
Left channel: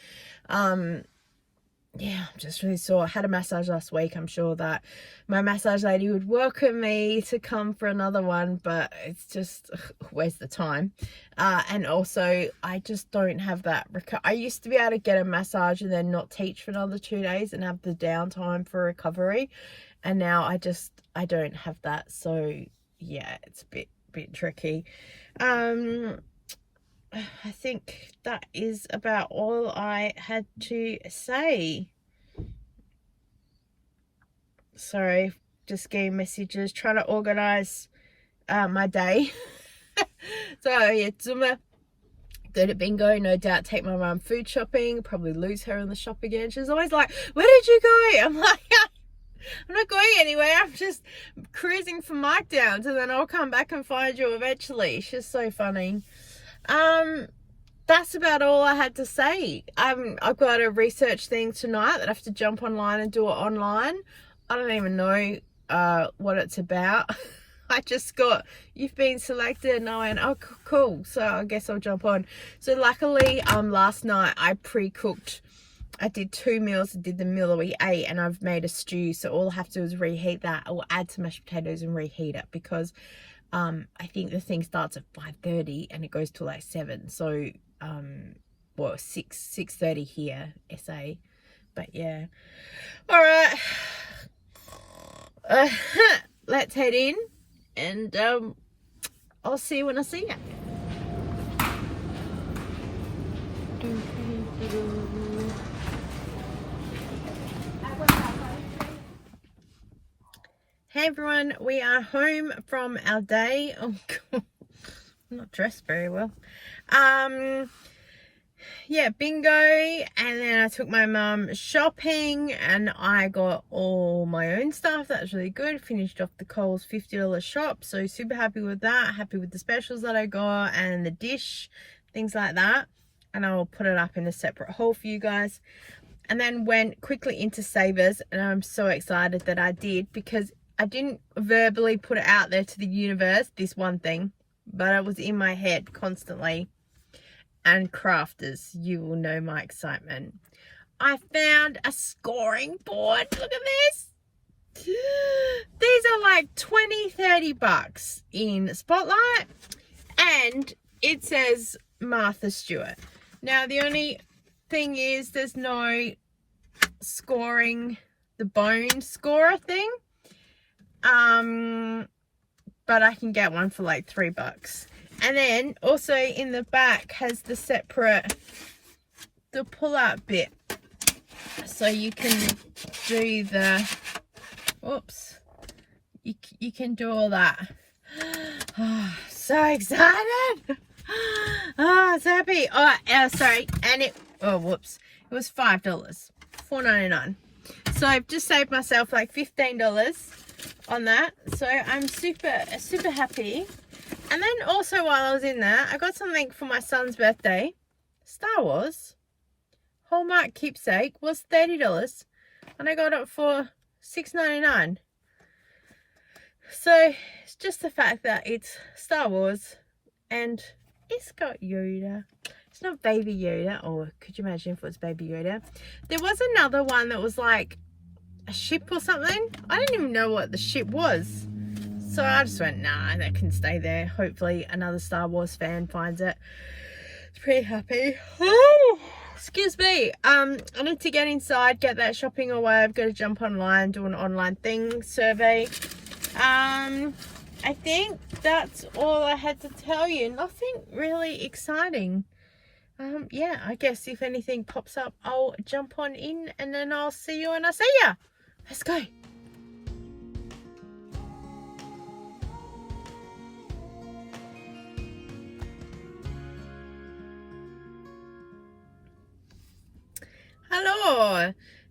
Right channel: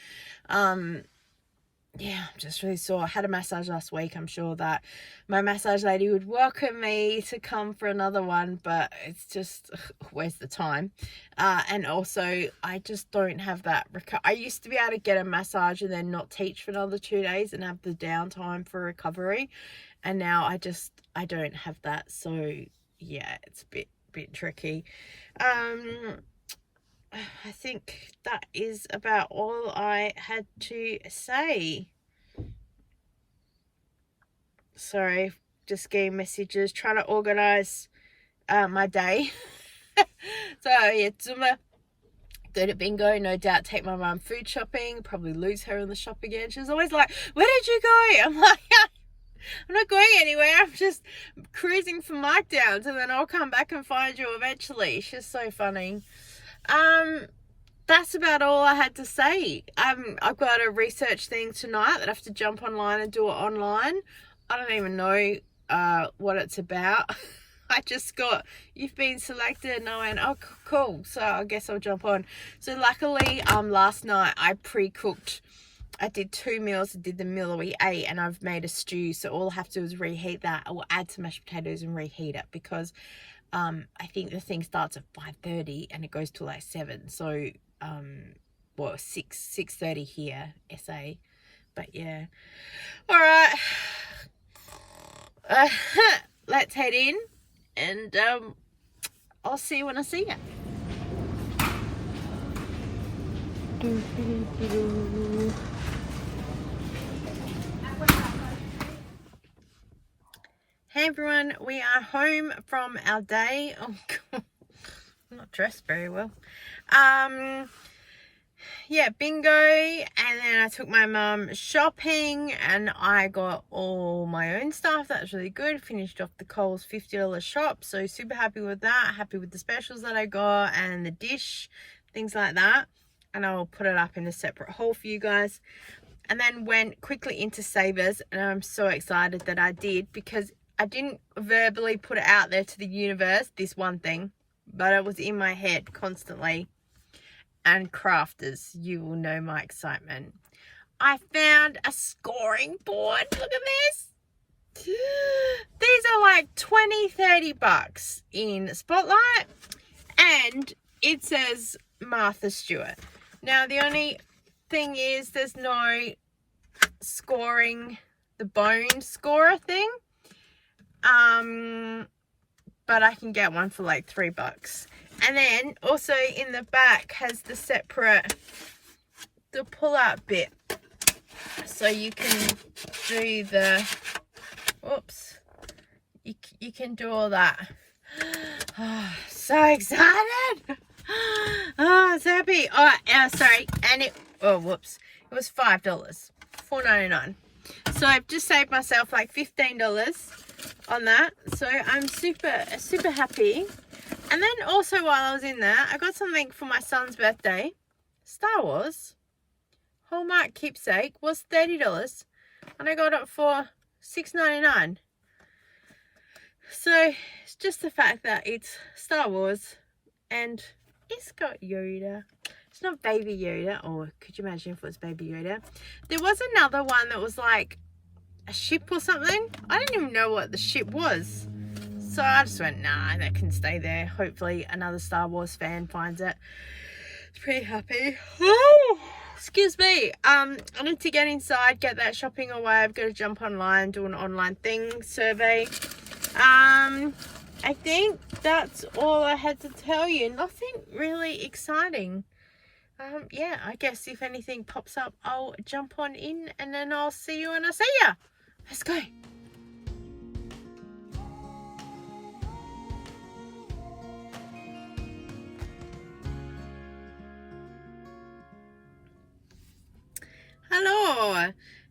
Yeah, I'm just really sore. I had a massage last week. I'm sure that my massage lady would welcome me to come for another one, but it's just, where's the time? And also, I just don't have that. I used to be able to get a massage and then not teach for another 2 days and have the downtime for recovery. And now I don't have that. So yeah, it's a bit tricky. I think that is about all I had to say. Sorry, just getting messages, trying to organise my day. So yeah, Zumba, go to bingo, no doubt take my mum food shopping, probably lose her on the shop again. She's always like, where did you go? I'm like, I'm not going anywhere. I'm just cruising for markdowns and then I'll come back and find you eventually. She's so funny. That's about all I had to say. I've got a research thing tonight that I have to jump online and do it online. I don't even know what it's about. I just got, you've been selected, and I went, oh cool, so I guess I'll jump on. So luckily last night I pre-cooked. I did 2 meals. I did the meal that we ate and I've made a stew, so all I have to do is reheat that. I will add some mashed potatoes and reheat it because I think the thing starts at 5:30 and it goes till like 7. So well, 6:30 here, SA. But yeah. All right. Let's head in and I'll see you when I see you. Hey everyone, we are home from our day. Oh God, I'm not dressed very well. Yeah, bingo, and then I took my mum shopping and I got all my own stuff. That was really good. Finished off the Coles $50 shop, so super happy with that. Happy with the specials that I got and the dish, things like that. And I'll put it up in a separate haul for you guys. And then went quickly into Savers, and I'm so excited that I did because I didn't verbally put it out there to the universe, this one thing, but it was in my head constantly. And crafters, you will know my excitement. I found a scoring board. Look at this. These are like 20-30 bucks in Spotlight, and it says Martha Stewart. Now the only thing is there's no scoring, the bone scorer thing. But I can get one for like $3. And then also in the back has the separate, the pull out bit. So you can do the, whoops, you can do all that. Oh, so excited. Oh, so happy. Oh, sorry. And it, oh, whoops. It was $5, $4.99. So I've just saved myself like $15 on that. So I'm super happy. And then also while I was in there, I got something for my son's birthday. Star Wars Hallmark keepsake was $30 and I got it for $6.99. So it's just the fact that it's Star Wars and it's got Yoda. It's not Baby Yoda, or could you imagine if it was Baby Yoda? There was another one that was like a ship or something. I didn't even know what the ship was. So I just went, nah, that can stay there. Hopefully another Star Wars fan finds it. It's pretty happy. Oh, excuse me. I need to get inside, get that shopping away. I've got to jump online, do an online thing, survey. I think that's all I had to tell you. Nothing really exciting. Yeah, I guess if anything pops up, I'll jump on in and then I'll see you when I see ya. Let's go. Hello,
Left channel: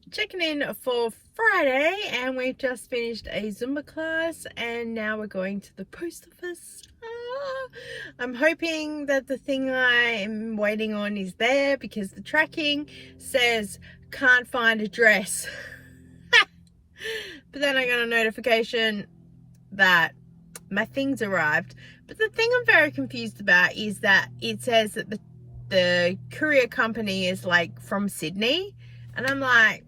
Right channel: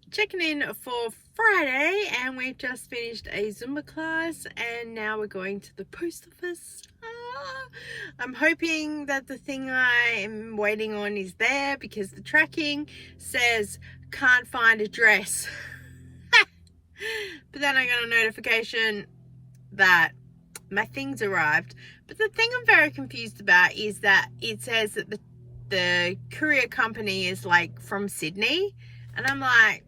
checking in for Friday, and we've just finished a Zumba class and now we're going to the post office. I'm hoping that the thing I am waiting on is there, because the tracking says can't find address. But then I got a notification that my things arrived. But the thing I'm very confused about is that it says that the courier company is like from Sydney, and I'm like,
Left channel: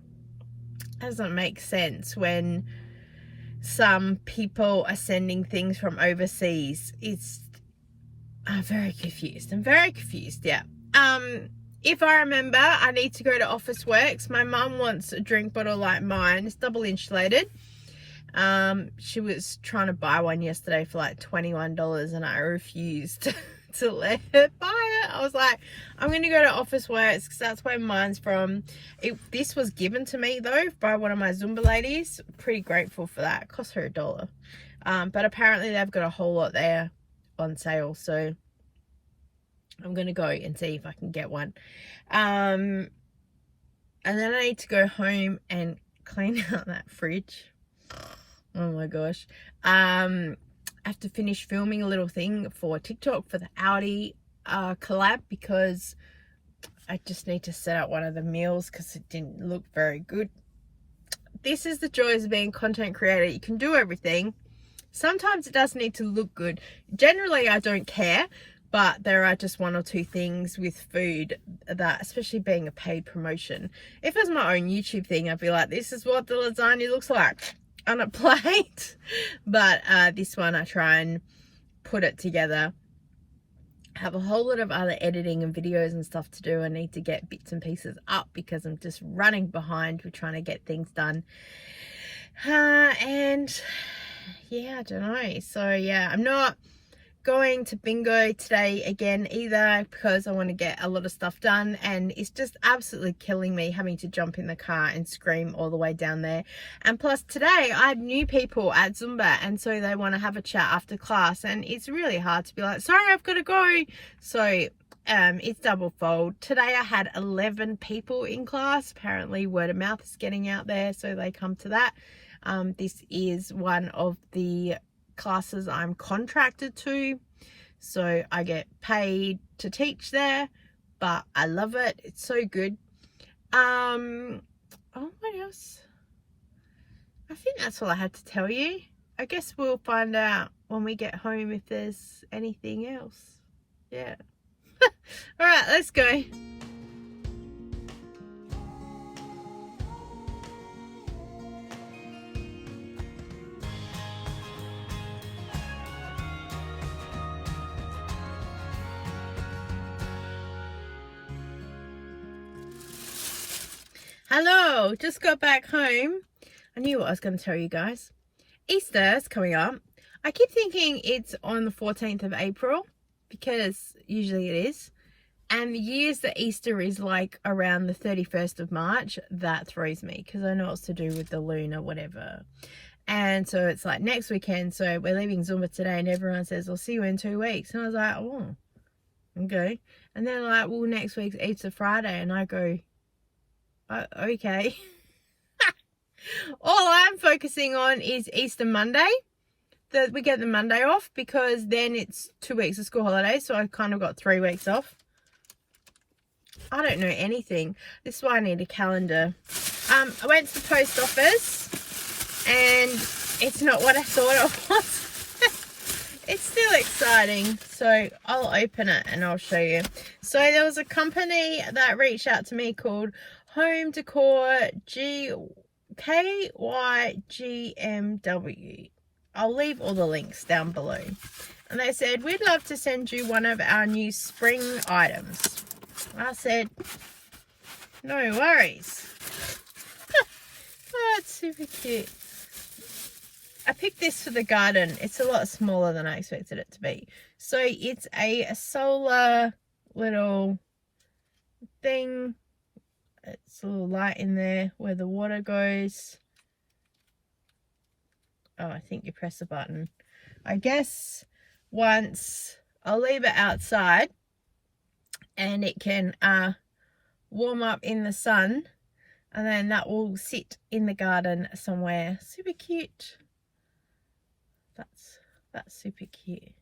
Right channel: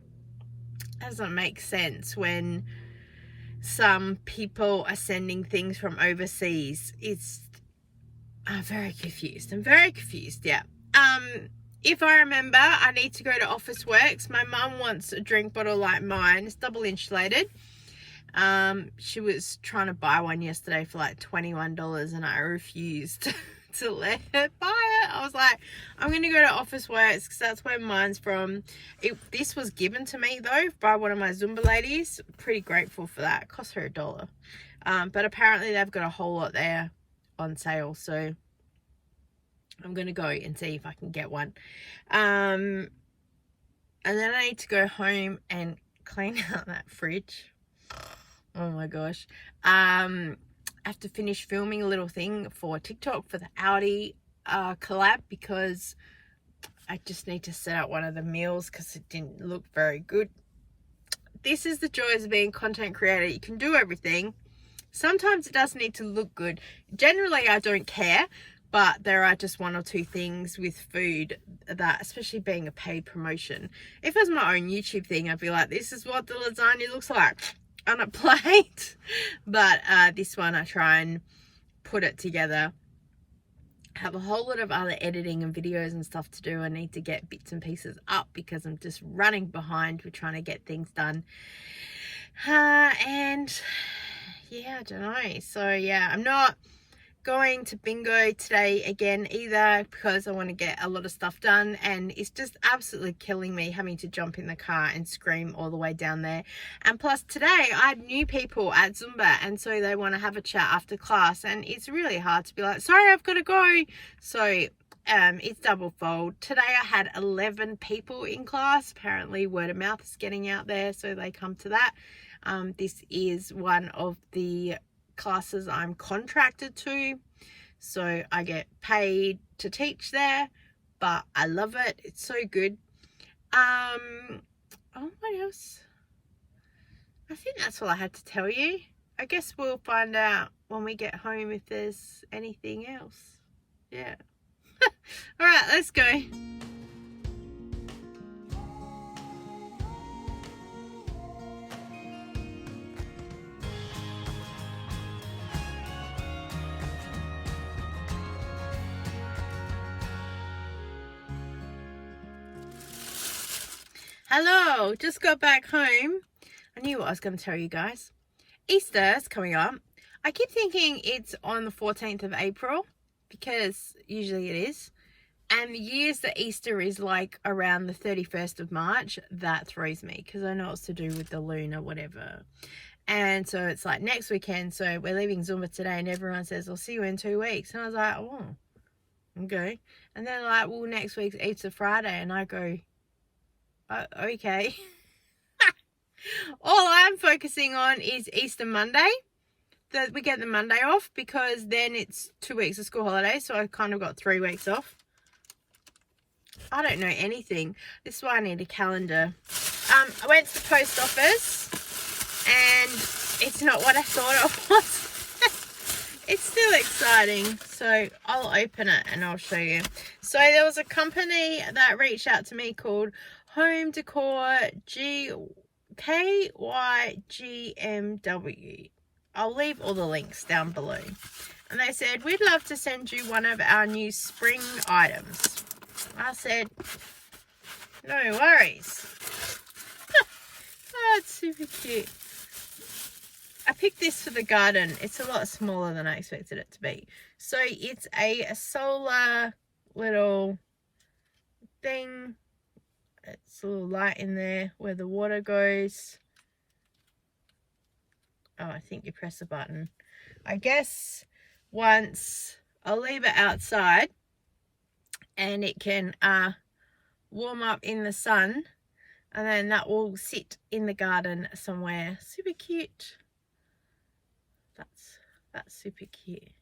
that doesn't make sense when some people are sending things from overseas. I'm very confused. Yeah. If I remember, I need to go to Officeworks. My mum wants a drink bottle like mine. It's double insulated. She was trying to buy one yesterday for like $21 and I refused to let her buy it. I was like, I'm going to go to Officeworks because that's where mine's from. This was given to me though by one of my Zumba ladies. Pretty grateful for that. It cost her $1. But apparently they've got a whole lot there on sale, so I'm going to go and see if I can get one. And then I need to go home and clean out that fridge. Oh my gosh. I have to finish filming a little thing for TikTok for the Audi collab, because I just need to set up one of the meals because it didn't look very good. This is the joys of being a content creator. You can do everything. Sometimes it does need to look good. Generally, I don't care, but there are just one or two things with food that, especially being a paid promotion. If it was my own YouTube thing, I'd be like, this is what the lasagna looks like on a plate. But this one, I try and put it together. I have a whole lot of other editing and videos and stuff to do. I need to get bits and pieces up because I'm just running behind with trying to get things done. And yeah, I don't know. So yeah, I'm not going to bingo today again either, because I want to get a lot of stuff done, and it's just absolutely killing me having to jump in the car and scream all the way down there. And plus today I had new people at Zumba, and so they want to have a chat after class, and it's really hard to be like, sorry, I've got to go. So it's double fold. Today I had 11 people in class. Apparently word of mouth is getting out there, so they come to that. This is one of the classes I'm contracted to, so I get paid to teach there, but I love it. It's so good. Oh, what else? I think that's all I had to tell you. I guess we'll find out when we get home if there's anything else. Yeah. All right, let's go. Hello, just got back home. I knew what I was going to tell you guys. Easter's coming up. I keep thinking it's on the 14th of April, because usually it is. And the years that Easter is like around the 31st of March, that throws me, because I know it's to do with the lunar whatever. And so it's like next weekend, so we're leaving Zumba today, and everyone says, I'll see you in 2 weeks. And I was like, oh, okay. And then like, well, next week's Easter Friday, and I go, okay. All I'm focusing on is Easter Monday, that we get the Monday off, because then it's 2 weeks of school holidays, so I kind of got 3 weeks off. I don't know anything. This is why I need a calendar. I went to the post office and it's not what I thought it was. It's still exciting, so I'll open it and I'll show you. So there was a company that reached out to me called Home Decor KYGMW. I'll leave all the links down below. And they said, we'd love to send you one of our new spring items. I said, No worries. Oh, it's super cute. I picked this for the garden. It's a lot smaller than I expected it to be. So it's a solar little thing. It's a little light in there where the water goes. Oh, I think you press the button. I guess once I'll leave it outside and it can warm up in the sun, and then that will sit in the garden somewhere. Super cute. That's super cute.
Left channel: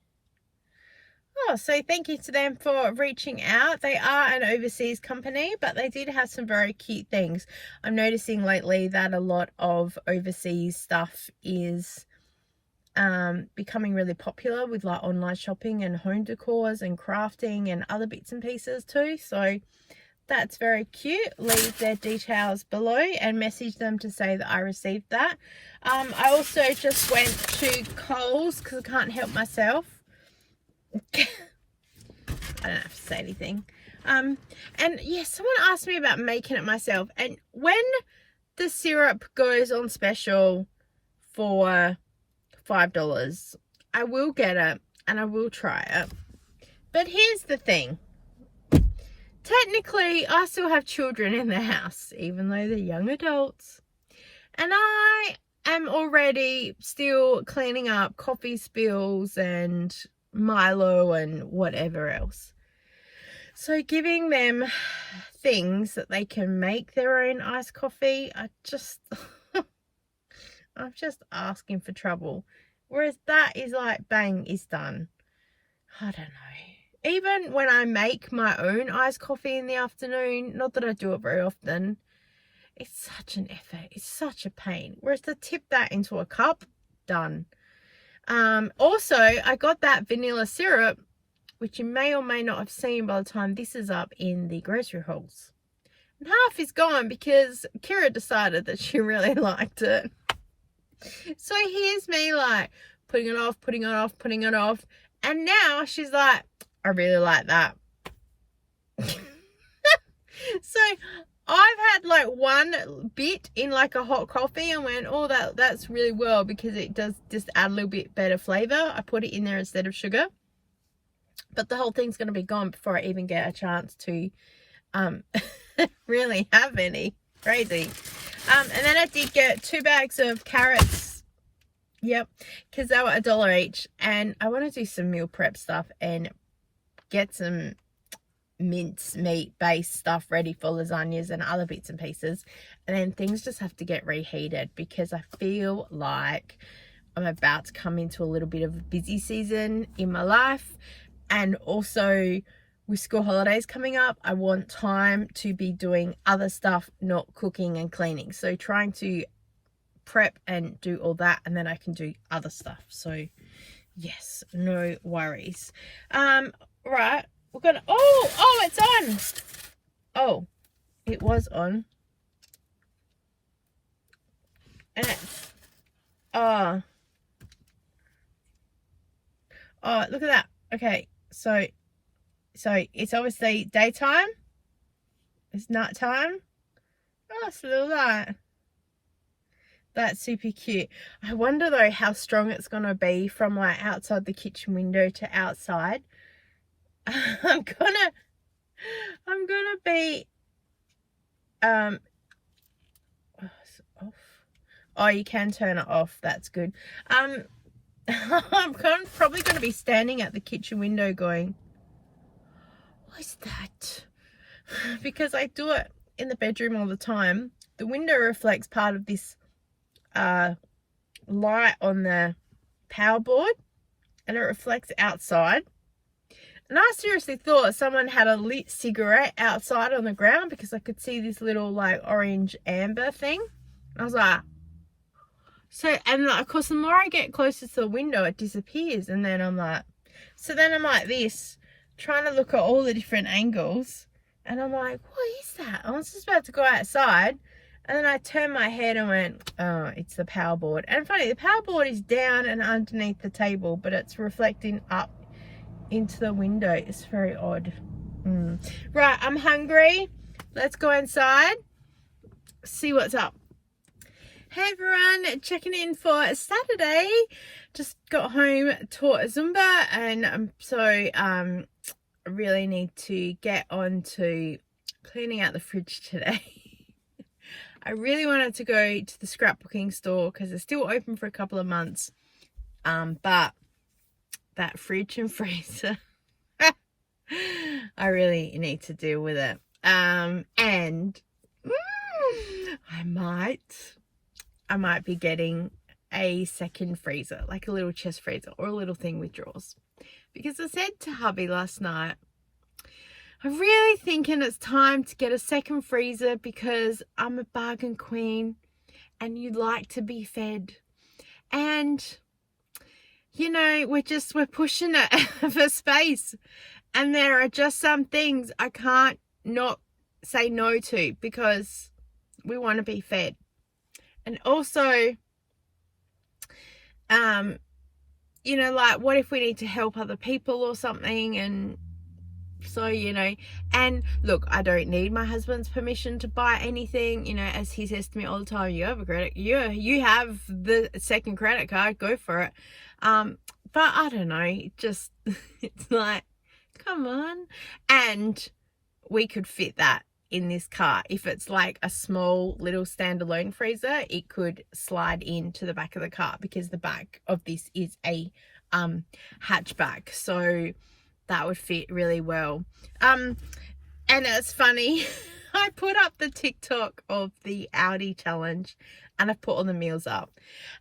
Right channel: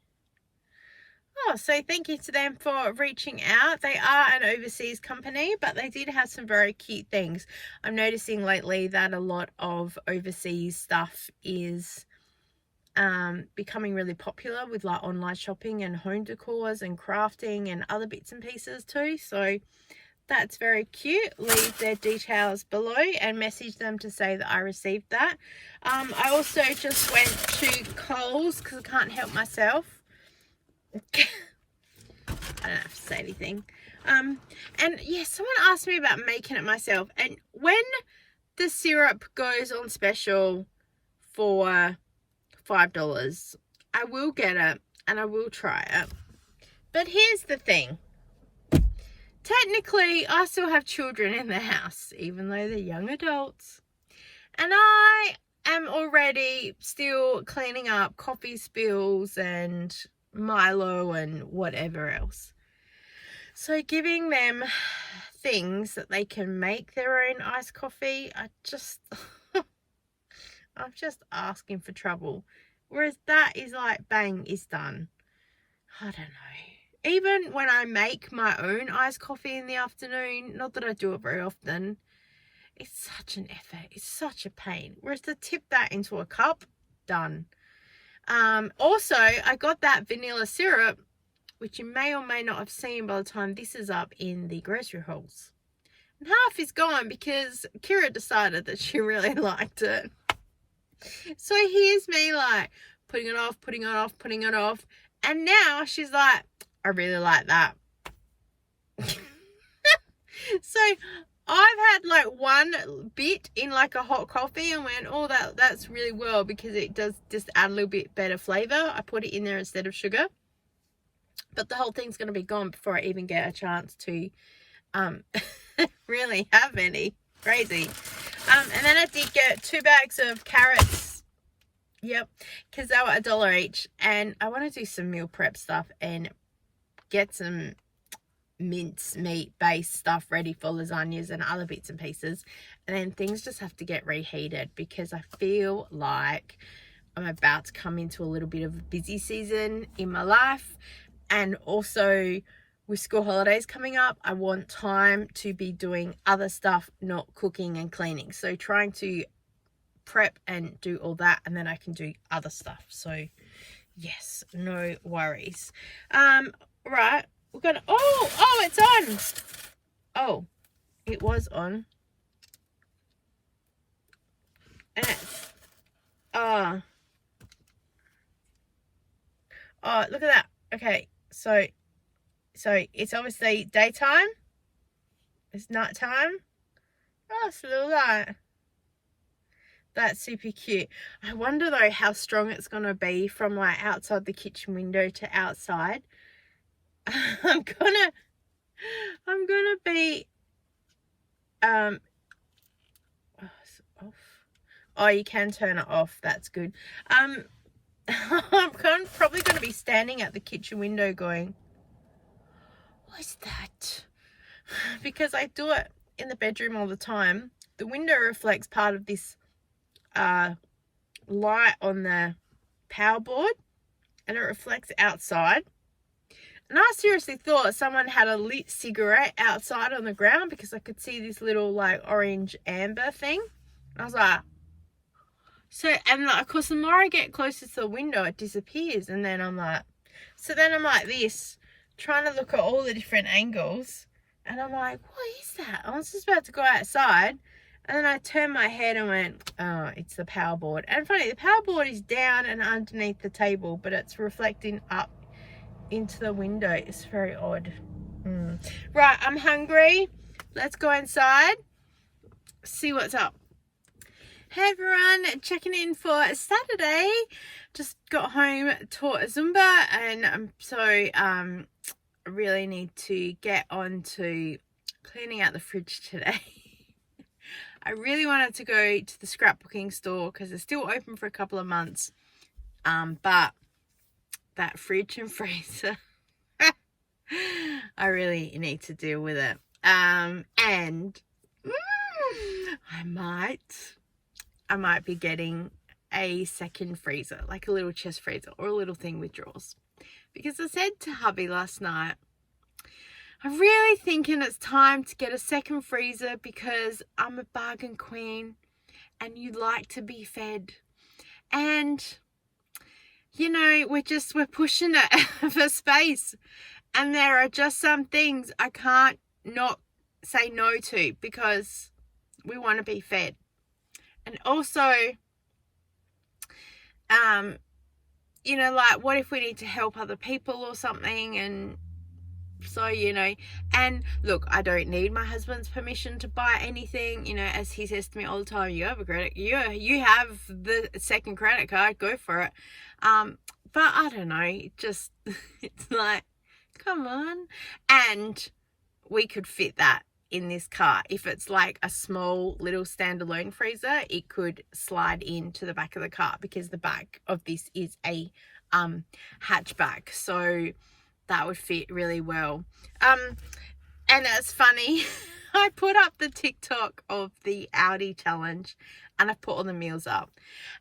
Oh, so thank you to them for reaching out. They are an overseas company, but they did have some very cute things. I'm noticing lately that a lot of overseas stuff is becoming really popular with like online shopping and home decors and crafting and other bits and pieces too. So that's very cute. Leave their details below and message them to say that I received that. I also just went to Coles because I can't help myself. I don't have to say anything. And yeah, someone asked me about making it myself. And when the syrup goes on special for $5, I will get it and I will try it. But here's the thing. Technically, I still have children in the house, even though they're young adults. And I am already still cleaning up coffee spills and Milo and whatever else. So giving them things that they can make their own iced coffee, I'm just asking for trouble. Whereas that is like, bang, is done. I don't know. Even when I make my own iced coffee in the afternoon, not that I do it very often, it's such an effort. It's such a pain. Whereas to tip that into a cup, done. Also, I got that vanilla syrup, which you may or may not have seen by the time this is up, in the grocery hauls. And half is gone because Kira decided that she really liked it. So here's me like putting it off, putting it off, putting it off. And now she's like, I really like that. So I've had like one bit in like a hot coffee and went, oh, that's really well, because it does just add a little bit better flavor. I put it in there instead of sugar. But the whole thing's going to be gone before I even get a chance to really have any. Crazy. And then I did get 2 bags of carrots. Yep, because they were $1 each. And I want to do some meal prep stuff and get some mince meat based stuff ready for lasagnas and other bits and pieces. And then things just have to get reheated, because I feel like I'm about to come into a little bit of a busy season in my life. And also with school holidays coming up, I want time to be doing other stuff, not cooking and cleaning. So trying to prep and do all that, and then I can do other stuff. So yes, no worries. Right, we're gonna, oh, it's on. Oh, it was on. And it's, oh, look at that. Okay, so it's obviously daytime. It's nighttime. Oh, it's a little light. That's super cute. I wonder though how strong it's gonna be from like outside the kitchen window to outside. I'm gonna be oh, off. Oh, you can turn it off. That's good. I'm probably gonna be standing at the kitchen window going, what's that? Because I do it in the bedroom all the time. The window reflects part of this light on the power board, and it reflects outside. And I seriously thought someone had a lit cigarette outside on the ground, because I could see this little like orange amber thing. I was like, so, and like, of course the more I get closer to the window it disappears, and then I'm like, so then I'm like this, trying to look at all the different angles, and I'm like, what is that? I was just about to go outside, and then I turned my head and went, oh, it's the power board. And funny, the power board is down and underneath the table, but it's reflecting up into the window. It's very odd. Right, I'm hungry. let's go inside, see what's up. Hey everyone, checking in for Saturday. Just got home, taught Zumba, and I really need to get on to cleaning out the fridge today. I really wanted to go to the scrapbooking store because it's still open for a couple of months, but that fridge and freezer, I really need to deal with it. And I might be getting a second freezer, like a little chest freezer or a little thing with drawers. Because I said to hubby last night, I'm really thinking it's time to get a second freezer because I'm a bargain queen and you like to be fed. And, you know, we're pushing it for space. And there are just some things I can't not say no to because we want to be fed. And also, you know, like, what if we need to help other people or something? And so, you know, and look, I don't need my husband's permission to buy anything, you know, as he says to me all the time, you have you have the second credit card, go for it. But I don't know, it's like, come on. And we could fit that in this car. If it's like a small little standalone freezer, it could slide into the back of the car because the back of this is a hatchback, so that would fit really well. And it's funny, I put up the TikTok of the Audi challenge and I put all the meals up,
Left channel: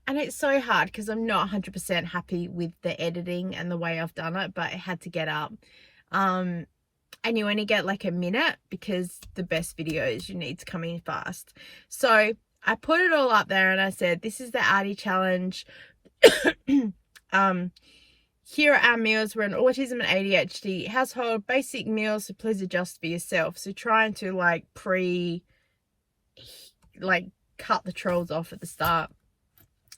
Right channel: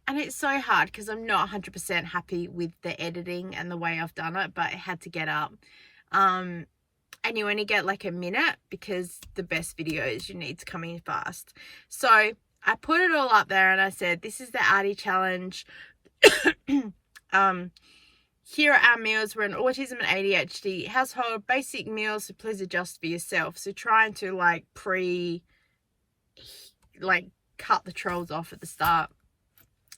and it's so hard because I'm not 100% happy with the editing and the way I've done it, but it had to get up. And you only get like a minute because the best videos you need to come in fast. So I put it all up there and I said, this is the Audi challenge. Here are our meals. We're an autism and ADHD household. Basic meals, so please adjust for yourself. So trying to cut the trolls off at the start.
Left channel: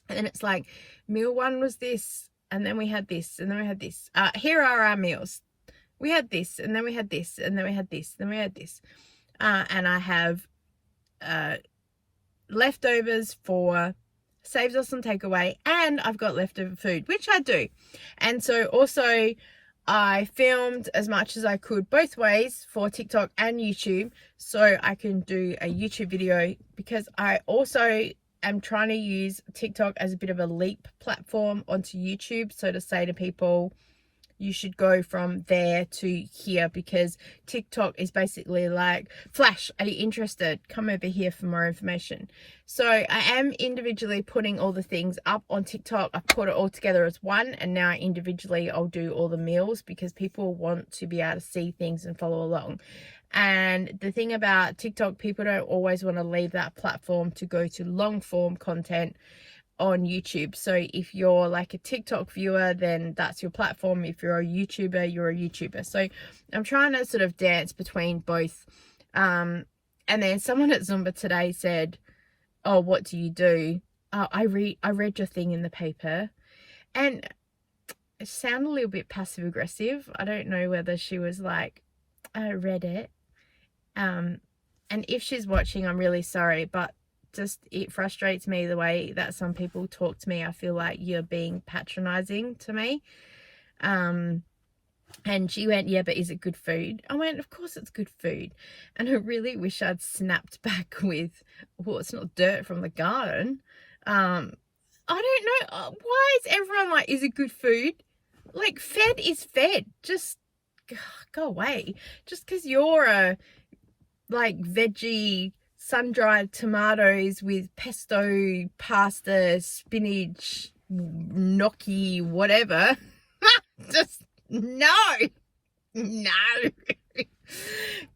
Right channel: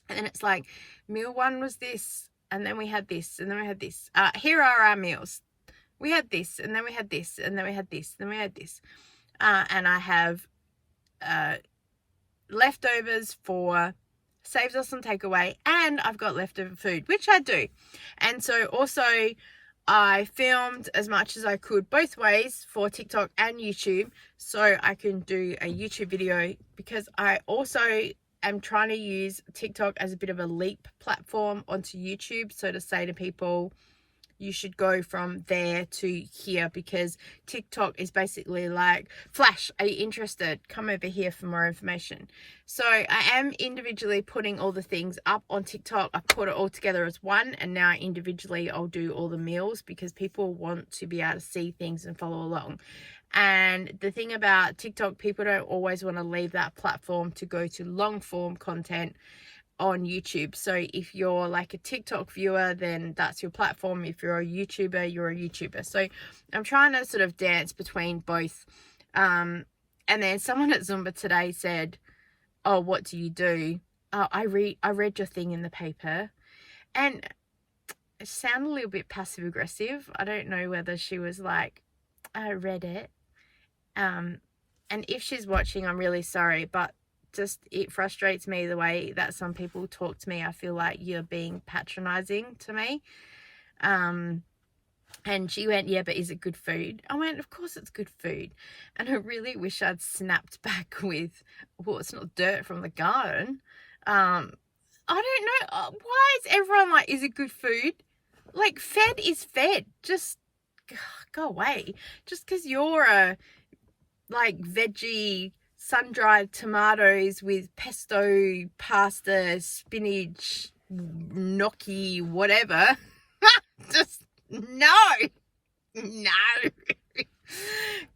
And then it's like, meal one was this, and then we had this, and then we had this. Here are our meals. We had this, and then we had this, and then we had this, then we had this. And I have leftovers for saves us on takeaway, and I've got leftover food, which I do. And so also I filmed as much as I could both ways for TikTok and YouTube, so I can do a YouTube video, because I also am trying to use TikTok as a bit of a leap platform onto YouTube. So to say to people, you should go from there to here, because TikTok is basically like, Flash, are you interested? Come over here for more information. So I am individually putting all the things up on TikTok. I put it all together as one, and now individually I'll do all the meals because people want to be able to see things and follow along. And the thing about TikTok, people don't always want to leave that platform to go to long form content on YouTube. So if you're like a TikTok viewer, then that's your platform. If you're a YouTuber, you're a YouTuber. So I'm trying to sort of dance between both. And then someone at Zumba today said, oh, what do you do? I read your thing in the paper. And it sounded a little bit passive aggressive. I don't know whether she was like, I read it. And if she's watching, I'm really sorry, but it frustrates me the way that some people talk to me. I feel like you're being patronizing to me. And she went, yeah, but is it good food? I went, of course it's good food. And I really wish I'd snapped back with, well, it's not dirt from the garden. I don't know. Why is everyone like, is it good food? Like, fed is fed. Just go away. Just because you're a like veggie sun-dried tomatoes with pesto, pasta, spinach, gnocchi, whatever. Just no.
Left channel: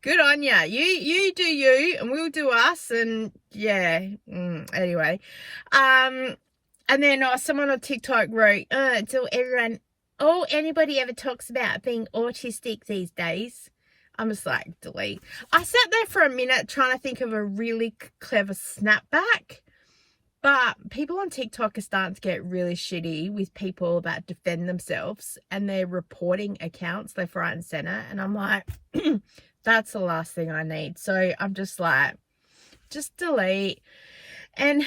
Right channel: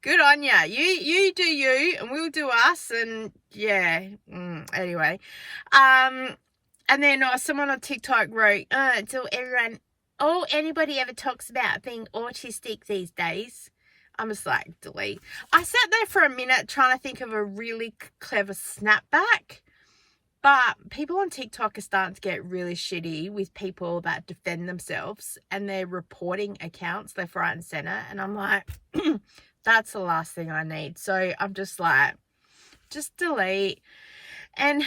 Good on ya. You do you, and we'll do us. And yeah. Anyway, and then someone on TikTok wrote, all anybody ever talks about being autistic these days. I'm just like, delete. I sat there for a minute trying to think of a really clever snapback, but people on TikTok are starting to get really shitty with people that defend themselves, and they're reporting accounts left, right and center. And I'm like, That's the last thing I need. So I'm just like, just delete. And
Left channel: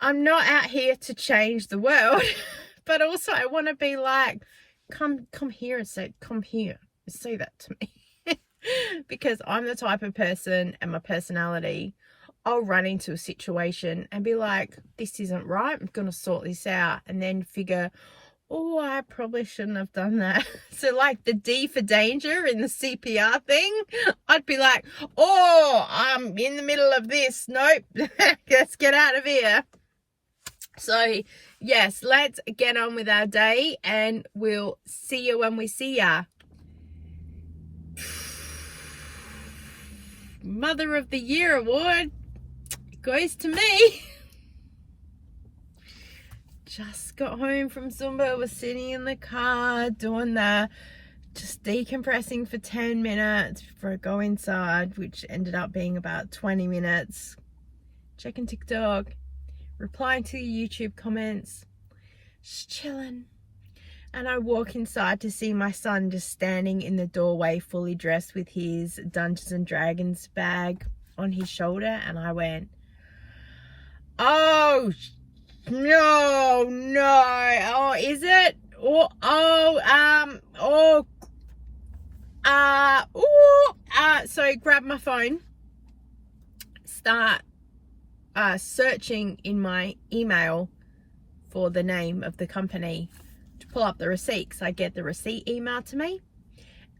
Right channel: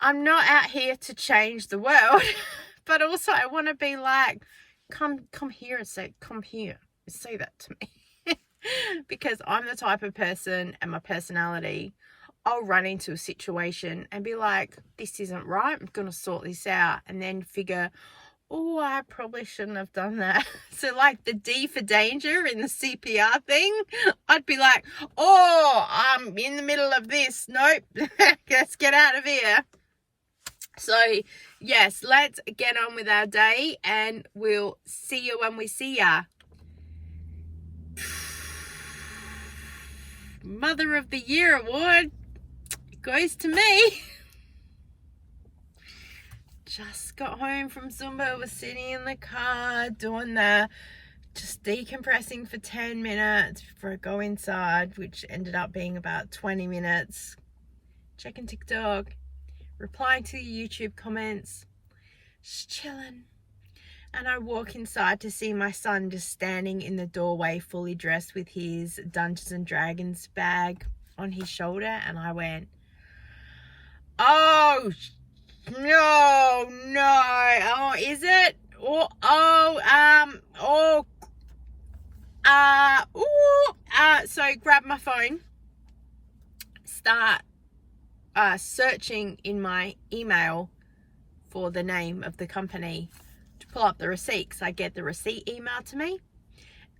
I'm not out here to change the world, but also I want to be like, come here and say, come here and say that to me. Because I'm the type of person, and my personality, I'll run into a situation and be like, this isn't right, I'm going to sort this out, and then figure, oh, I probably shouldn't have done that. So like the D for danger in the CPR thing, I'd be like, oh, I'm in the middle of this. Nope, let's get out of here. So yes, let's get on with our day, and we'll see you when we see ya. Mother of the Year award goes to me. Just got home from Zumba, was sitting in the car doing that, just decompressing for 10 minutes before I go inside, which ended up being about 20 minutes, checking TikTok, replying to the YouTube comments, just chilling. And I walk inside to see my son just standing in the doorway, fully dressed with his Dungeons and Dragons bag on his shoulder, and I went, oh, no, oh, is it? So grab my phone, start searching in my email for the name of the company to pull up the receipt, because I get the receipt emailed to me,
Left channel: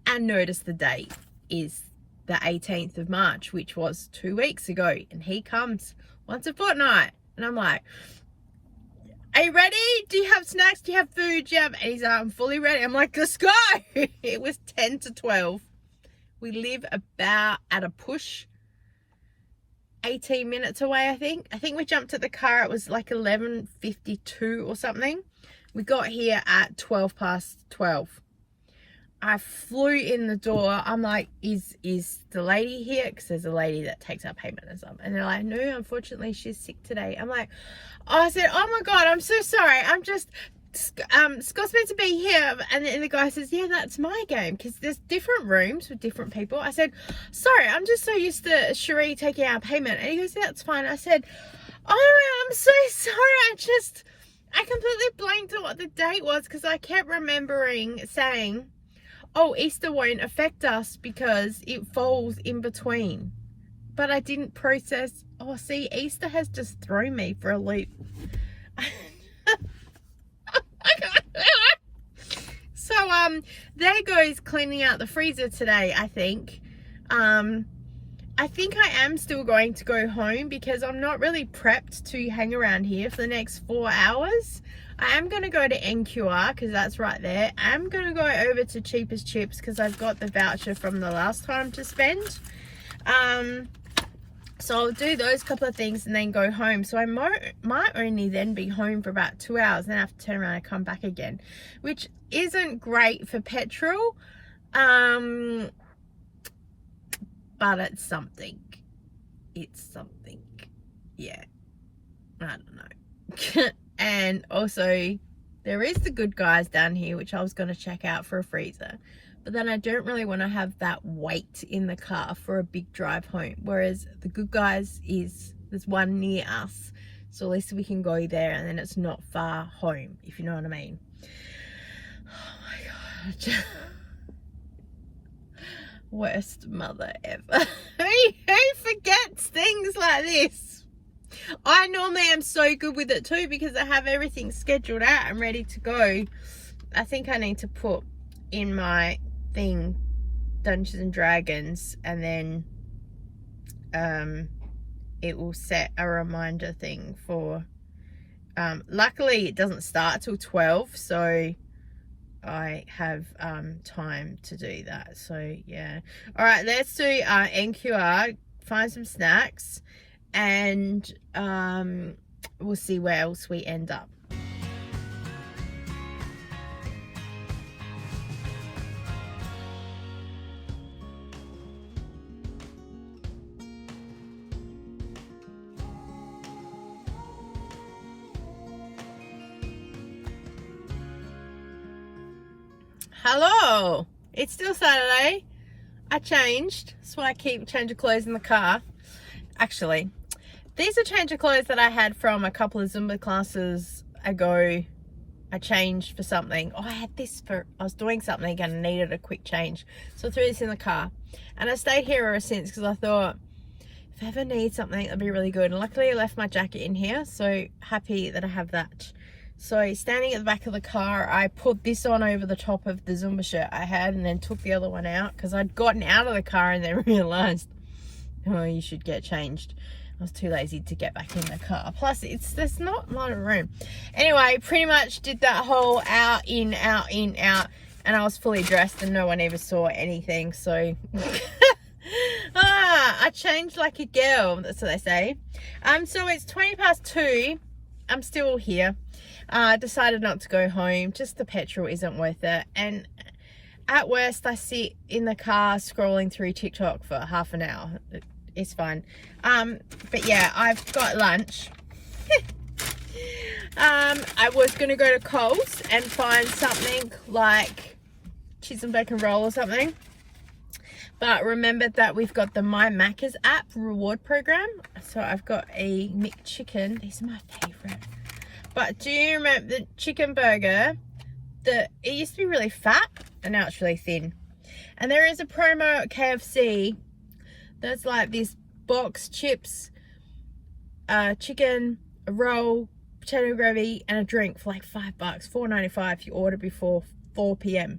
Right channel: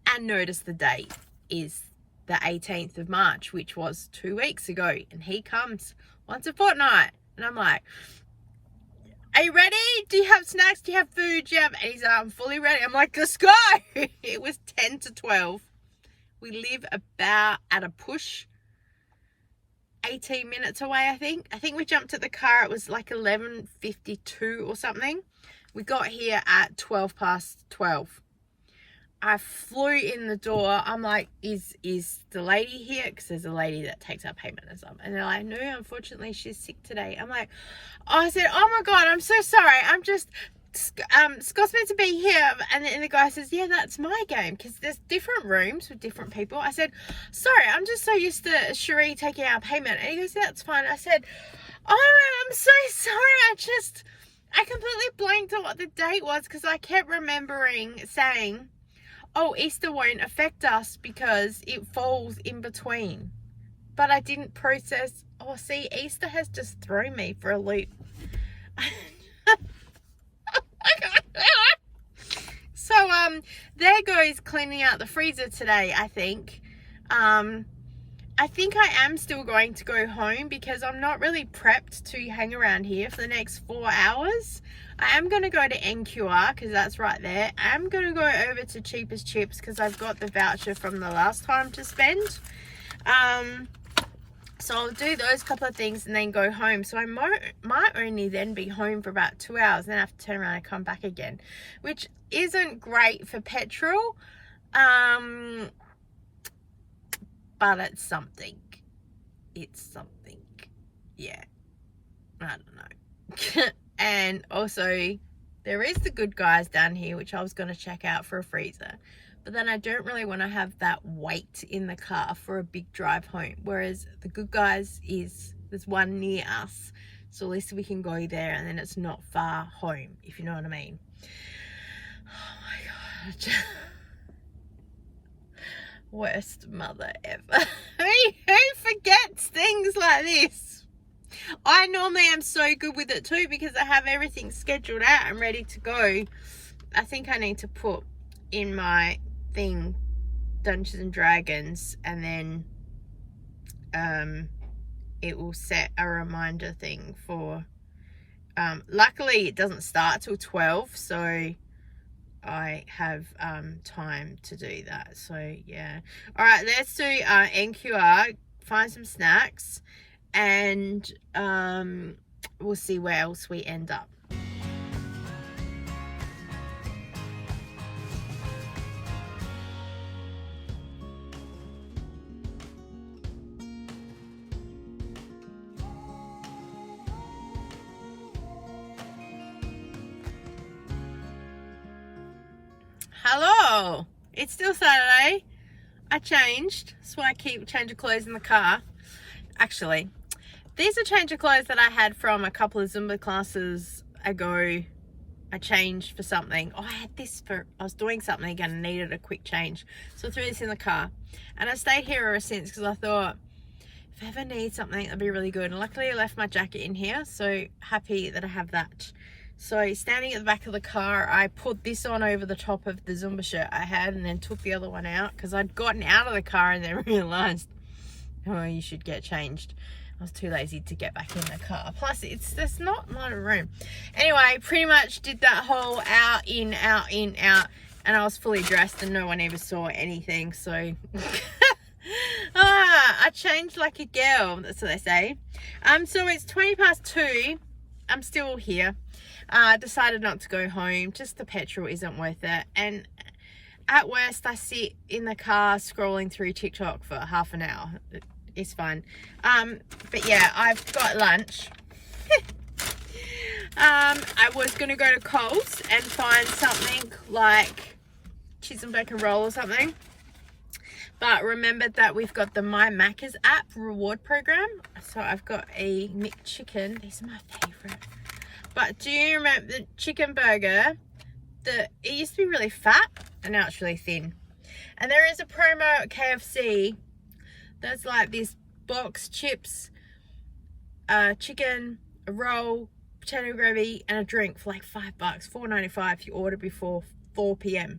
and notice the date is the 18th of March, which was 2 weeks ago, and he comes once a fortnight, and I'm like, are you ready? Do you have snacks? Do you have food? Do you have... And he's like, I'm fully ready. I'm like, let's go. It was 10 to 12. We live about at a push 18 minutes away, I think. I think we jumped at the car. It was like 11:52 or something. We got here at 12 past 12. I flew in the door. I'm like, is the lady here? Because there's a lady that takes our payment and stuff. And they're like, no, unfortunately, she's sick today. I'm like, oh, I said, oh my God, I'm so sorry. I'm just, Scott's meant to be here. And the guy says, yeah, that's my game. Because there's different rooms with different people. I said, sorry, I'm just so used to Cherie taking our payment. And he goes, yeah, that's fine. I said, oh, I'm so sorry. I completely blanked on what the date was, because I kept remembering saying, oh, Easter won't affect us because it falls in between. But I didn't process, oh, see, Easter has just thrown me for a loop. So, there goes cleaning out the freezer today, I think. I think I am still going to go home because I'm not really prepped to hang around here for the next 4 hours. I am going to go to NQR because that's right there. I am going to go over to Cheapest Chips because I've got the voucher from the last time to spend. So I'll do those couple of things and then go home. So I might only then be home for about 2 hours, and then I have to turn around and come back again, which isn't great for petrol. But it's something. It's something. Yeah. I don't know. And also, there is the Good Guys down here, which I was going to check out for a freezer. But then I don't really want to have that weight in the car for a big drive home. Whereas the Good Guys there's one near us. So at least we can go there, and then it's not far home, if you know what I mean. Oh my God. Worst mother ever. Who forgets things like this? I normally am so good with it too, because I have everything scheduled out and ready to go. I think I need to put in my thing Dungeons and Dragons, and then it will set a reminder thing for luckily it doesn't start till 12, so I have time to do that. So yeah, all right, let's do NQR, find some snacks, and we'll see where else we end up. Hello, it's still Saturday. I changed, why I keep changing clothes in the car. Actually, these are change of clothes that I had from a couple of Zumba classes ago. I changed for something. Oh, I was doing something and needed a quick change. So I threw this in the car. And I stayed here ever since because I thought, if I ever need something, that'd be really good. And luckily I left my jacket in here. So happy that I have that. So standing at the back of the car, I put this on over the top of the Zumba shirt I had and then took the other one out because I'd gotten out of the car and then realised, oh, you should get changed. I was too lazy to get back in the car. Plus, there's not a lot of room. Anyway, pretty much did that whole out, in, out, in, out. And I was fully dressed and no one ever saw anything. So, I changed like a girl. That's what they say. So it's 2:20. I'm still here. Decided not to go home. Just the petrol isn't worth it. And at worst, I sit in the car scrolling through TikTok for half an hour. It's fun. But yeah, I've got lunch. I was going to go to Coles and find something like cheese and bacon roll or something. But remembered that we've got the My Macca's app reward program. So I've got a McChicken. These are my favourite. But do you remember the chicken burger? It used to be really fat and now it's really thin. And there is a promo at KFC that's like this box, chips, chicken, a roll, potato gravy and a drink for like $5, $4.95 if you order before 4 p.m.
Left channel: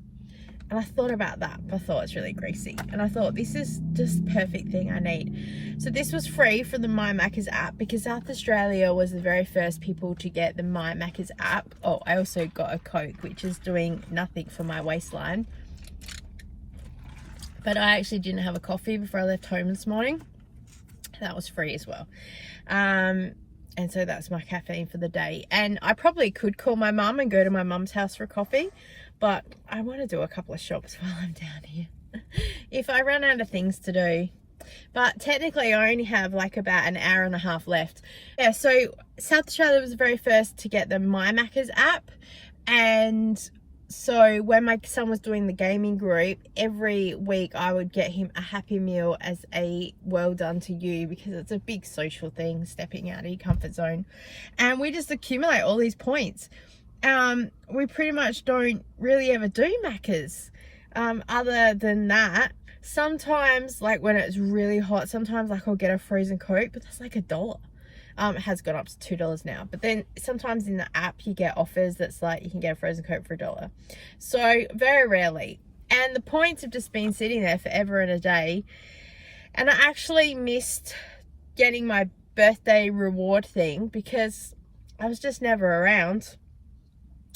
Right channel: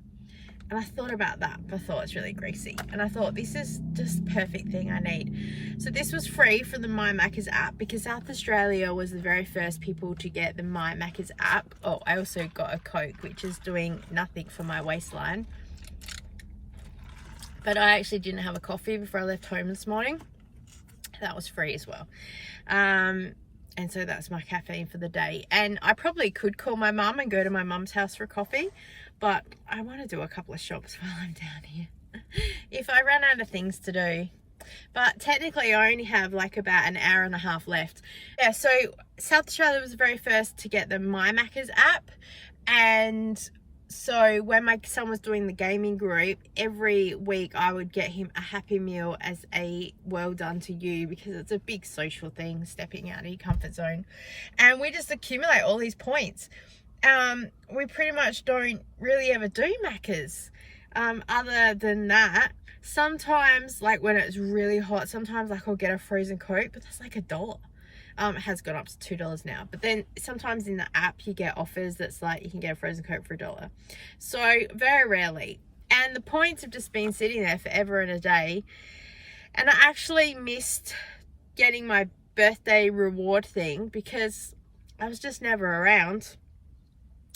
And I thought about that. I thought it's really greasy. And I thought this is just the perfect thing I need. So this was free from the My Macca's app because South Australia was the very first people to get the My Macca's app. Oh, I also got a Coke, which is doing nothing for my waistline. But I actually didn't have a coffee before I left home this morning. That was free as well. And so that's my caffeine for the day. And I probably could call my mum and go to my mum's house for a coffee. But I want to do a couple of shops while I'm down here. If I run out of things to do. But technically I only have like about an hour and a half left. Yeah, so South Australia was the very first to get the My Macca's app. And so when my son was doing the gaming group, every week I would get him a Happy Meal as a well done to you because it's a big social thing, stepping out of your comfort zone. And we just accumulate all these points. We pretty much don't really ever do Macca's. Other than that, sometimes like when it's really hot, sometimes like I'll get a frozen Coke, but that's like $1. It has gone up to $2 now, but then sometimes in the app you get offers that's like you can get a frozen Coke for $1. So very rarely. And the points have just been sitting there forever and a day. And I actually missed getting my birthday reward thing because I was just never around.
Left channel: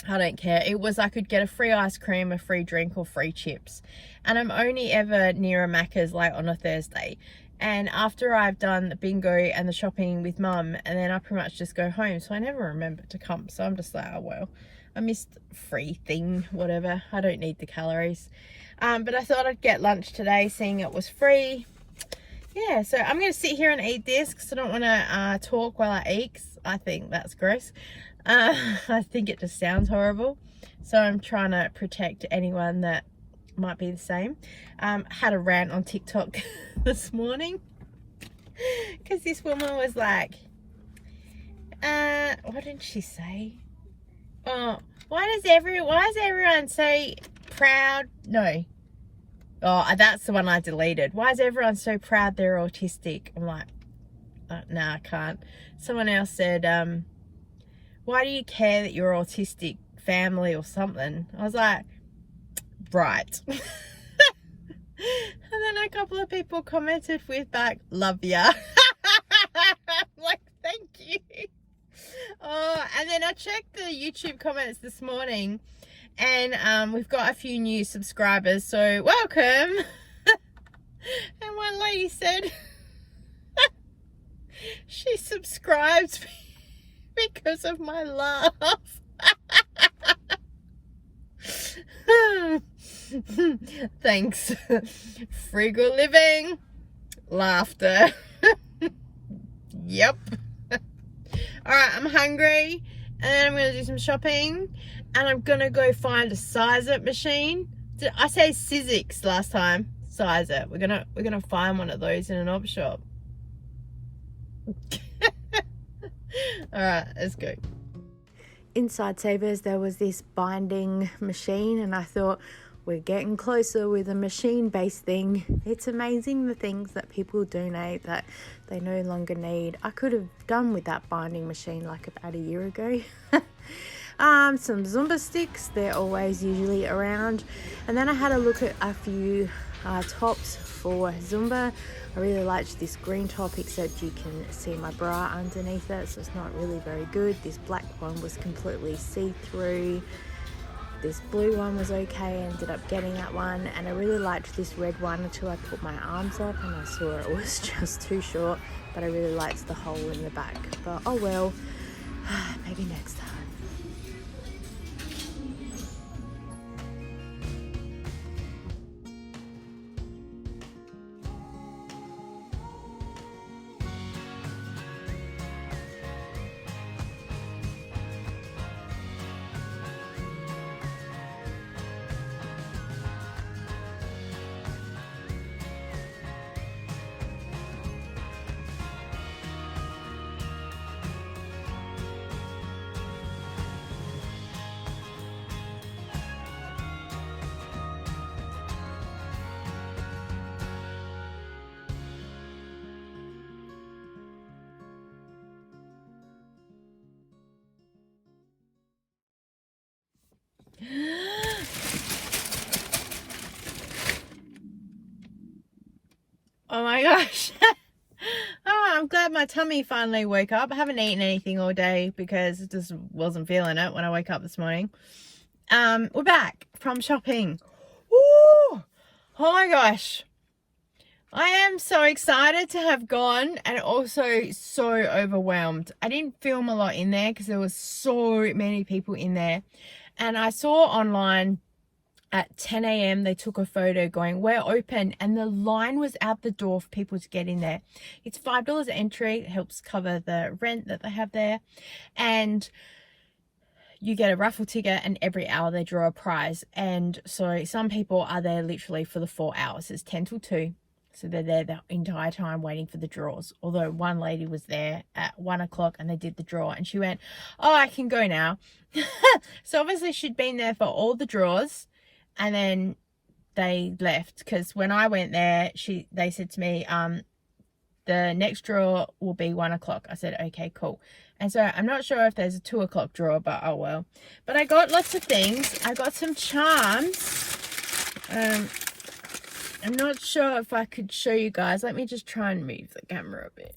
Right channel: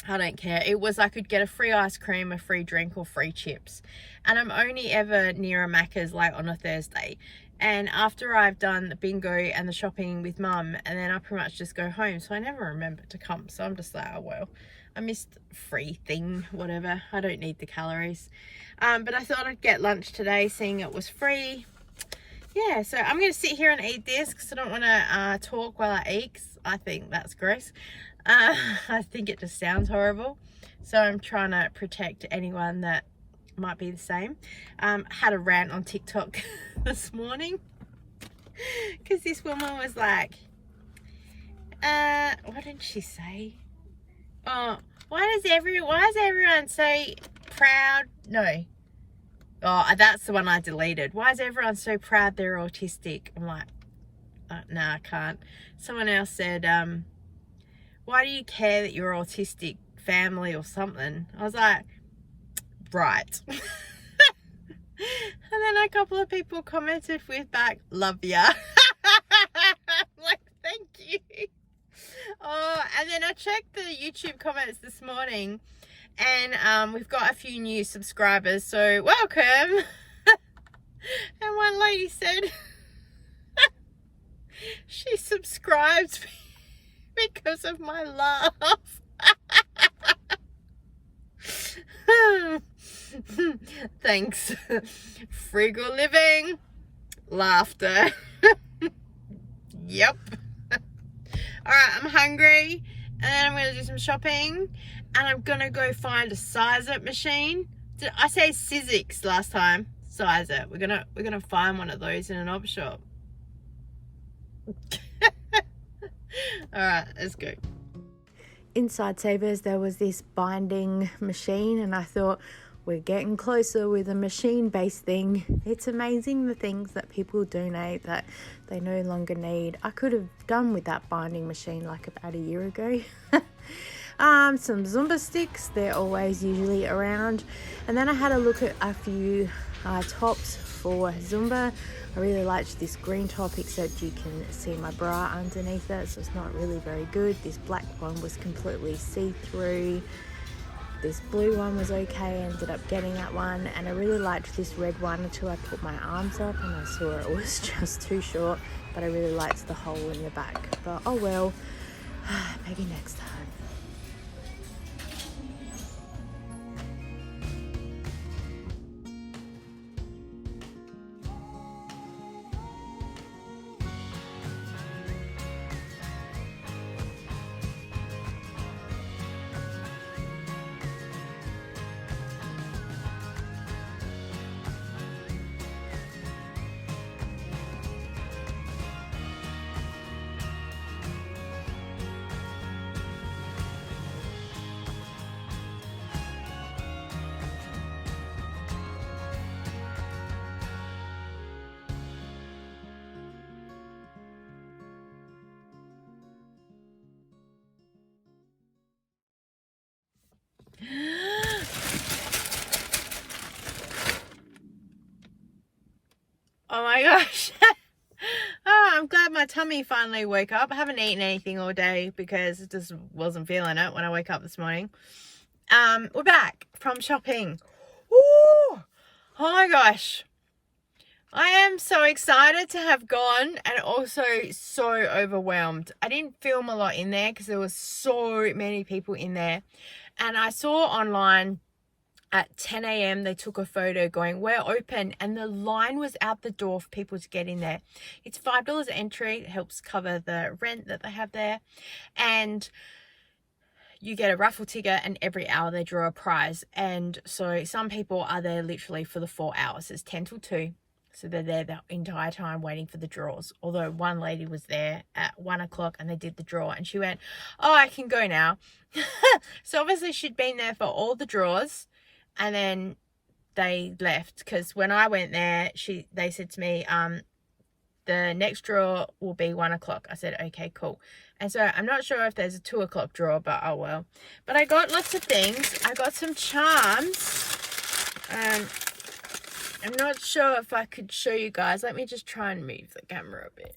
I don't care. It was I could get a free ice cream, a free drink or free chips. And I'm only ever near a Macca's like on a Thursday. And after I've done the bingo and the shopping with mum, and then I pretty much just go home. So I never remember to come. So I'm just like, oh well, I missed free thing, whatever. I don't need the calories. But I thought I'd get lunch today, seeing it was free. Yeah, so I'm going to sit here and eat this because I don't want to talk while I eat. I think that's gross. I think it just sounds horrible. So I'm trying to protect anyone that might be the same. Had a rant on TikTok this morning because this woman was like, what did she say? Oh, why is everyone so proud? No. Oh, that's the one I deleted. Why is everyone so proud they're autistic? I'm like, no, I can't. Someone else said, why do you care that you're autistic family or something? I was like, right. And then a couple of people commented with back, love ya. I'm like, thank you. Oh, and then I checked the YouTube comments this morning and we've got a few new subscribers, so welcome. And one lady said she subscribed because of my laugh. Thanks. Frugal living, laughter. Yep. Alright, I'm hungry and then I'm going to do some shopping and I'm going to go find a size-up machine. Did I say Sizzix last time? size it. We're gonna find one of those in an op shop. All right, let's go. Inside Savers, there was this binding machine, and I thought, we're getting closer with a machine-based thing. It's amazing the things that people donate that they no longer need. I could have done with that binding machine like about a year ago. Some Zumba sticks, they're always usually around. And then I had a look at a few tops for Zumba. I really liked this green top, except you can see my bra underneath it, so it's not really very good. This black one was completely see-through. This blue one was okay, I ended up getting that one, and I really liked this red one until I put my arms up and I saw it was just too short, but I really liked the hole in the back. But oh well, maybe next time. Oh my gosh. I'm glad my tummy finally woke up. I haven't eaten anything all day because I just wasn't feeling it when I woke up this morning. We're back from shopping. Woo! Oh my gosh. I am so excited to have gone, and also so overwhelmed. I didn't film a lot in there because there was so many people in there. And I saw online at 10 a.m. they took a photo going, we're open, and the line was out the door for people to get in there. It's $5 entry. It helps cover the rent that they have there, and you get a raffle ticket, and every hour they draw a prize. And so some people are there literally for the 4 hours. It's 10 till 2, so they're there the entire time waiting for the draws. Although one lady was there at 1 o'clock and they did the draw, and she went, oh, I can go now. So obviously she'd been there for all the draws, and then they left, because when I went there, they said to me, the next draw will be 1 o'clock. I said, okay, cool. And so I'm not sure if there's a 2 o'clock draw, but oh well. But I got lots of things. I got some charms. I'm not sure if I could show you guys. Let me just try and move the camera a bit.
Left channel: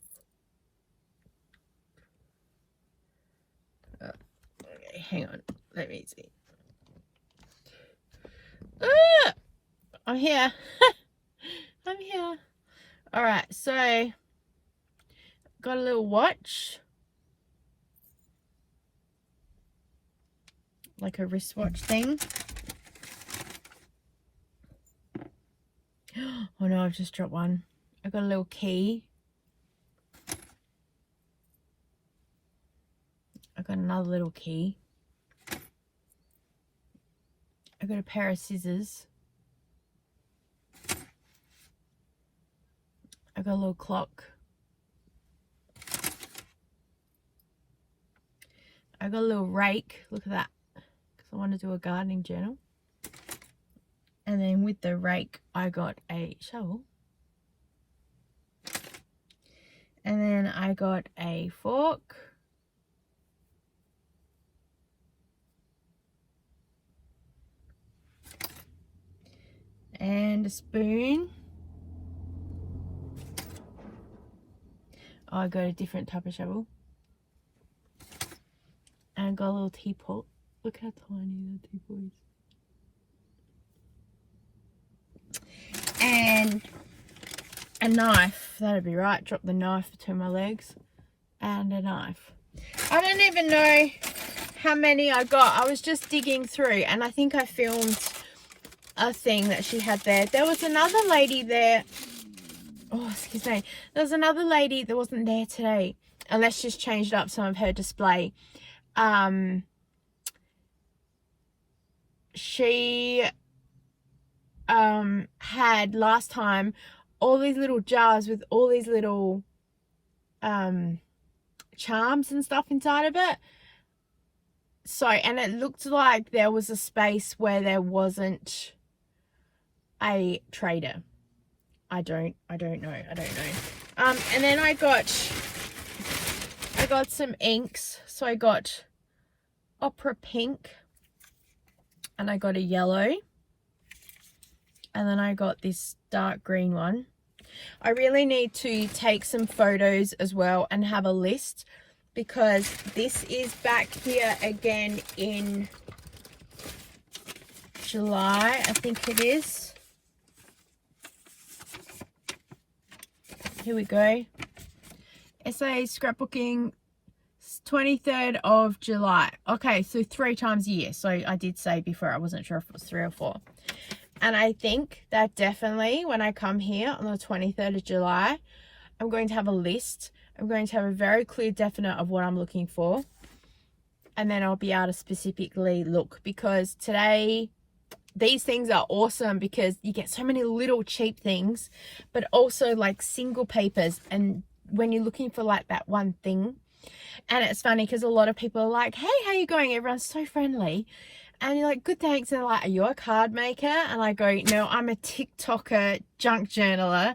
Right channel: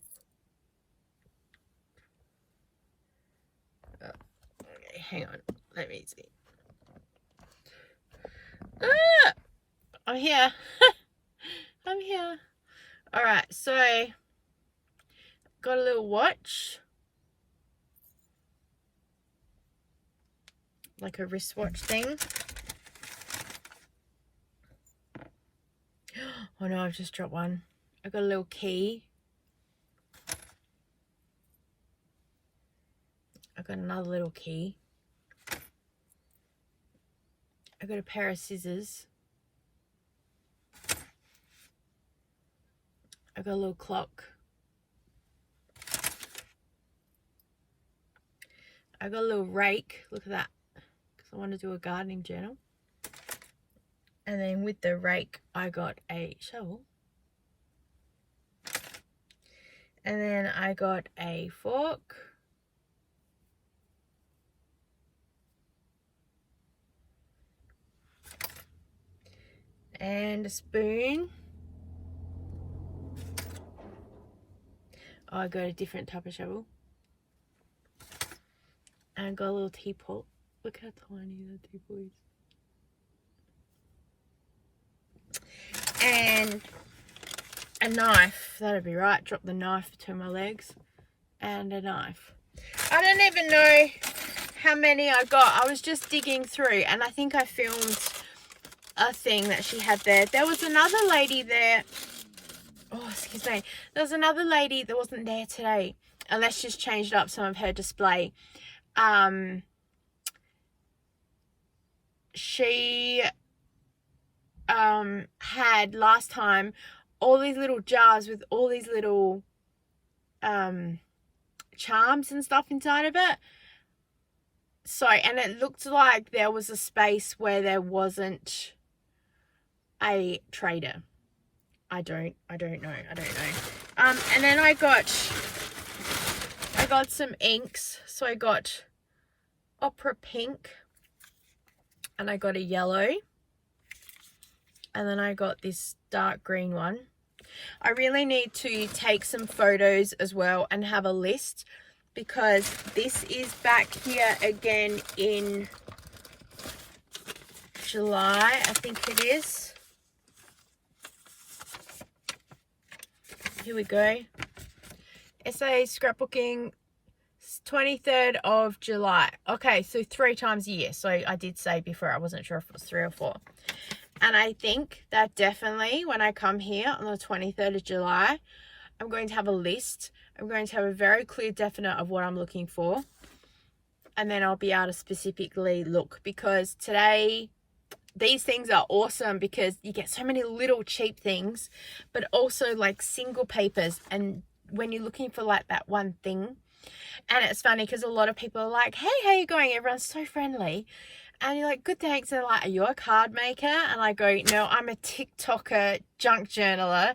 Oh, okay, hang on. Let me see. Ah, I'm here. I'm here. All right, so got a little watch, like a wristwatch thing. Oh no, I've just dropped one. I got a little key. I got another little key. I got a pair of scissors. I got a little clock. I got a little rake. Look at that, because I want to do a gardening journal. And then with the rake, I got a shovel. And then I got a fork. And a spoon. Oh, I got a different type of shovel. And I got a little teapot. Look how tiny the teapot is. And a knife. That'd be right. Drop the knife between my legs. And a knife. I don't even know how many I got. I was just digging through, and I think I filmed a thing that she had there. There was another lady there. Oh, excuse me. There was another lady that wasn't there today, unless she's changed up some of her display. She had last time all these little jars with all these little charms and stuff inside of it. So, and it looked like there was a space where there wasn't a trader. I don't know. And then I got some inks. So I got opera pink, and I got a yellow, and then I got this dark green one. I really need to take some photos as well and have a list, because this is back here again in July, I think it is. Here we go. SA scrapbooking, 23rd of July. Okay, so 3 times a year. So I did say before, I wasn't sure if it was 3 or 4. And I think that definitely when I come here on the 23rd of July, I'm going to have a list. I'm going to have a very clear definite of what I'm looking for. And then I'll be able to specifically look, because today, these things are awesome because you get so many little cheap things, but also like single papers. And when you're looking for like that one thing, and it's funny because a lot of people are like, hey, how you going? Everyone's so friendly. And you're like, good, thanks. And they're like, are you a card maker? And I go, no, I'm a TikToker junk journaler.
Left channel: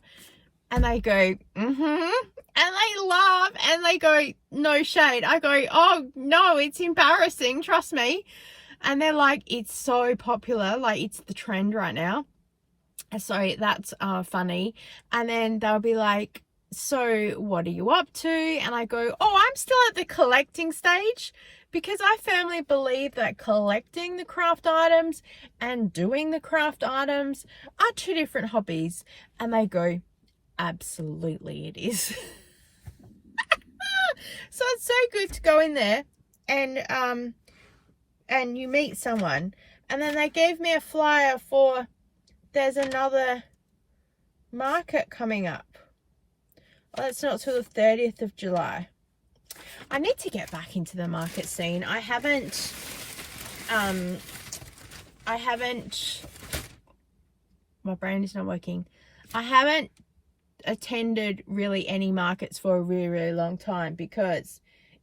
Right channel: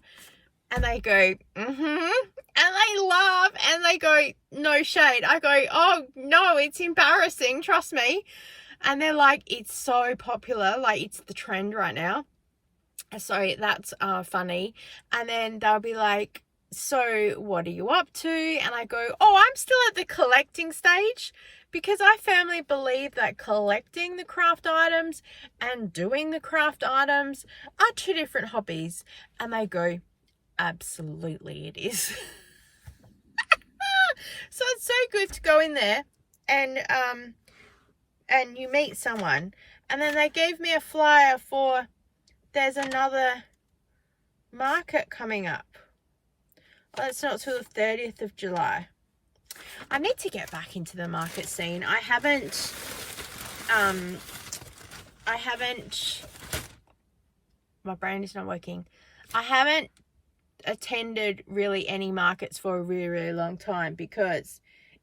And they go, mm-hmm. And they laugh and they go, no shade. I go, oh no, it's embarrassing, trust me. And they're like, it's so popular, like it's the trend right now. So that's funny. And then they'll be like, so what are you up to? And I go, oh, I'm still at the collecting stage, because I firmly believe that collecting the craft items and doing the craft items are 2 different hobbies. And they go, absolutely it is. So it's so good to go in there and you meet someone. And then they gave me a flyer for, there's another market coming up. Well, it's not till the 30th of July. I need to get back into the market scene. I haven't, my brain is not working. I haven't attended really any markets for a really, really long time, because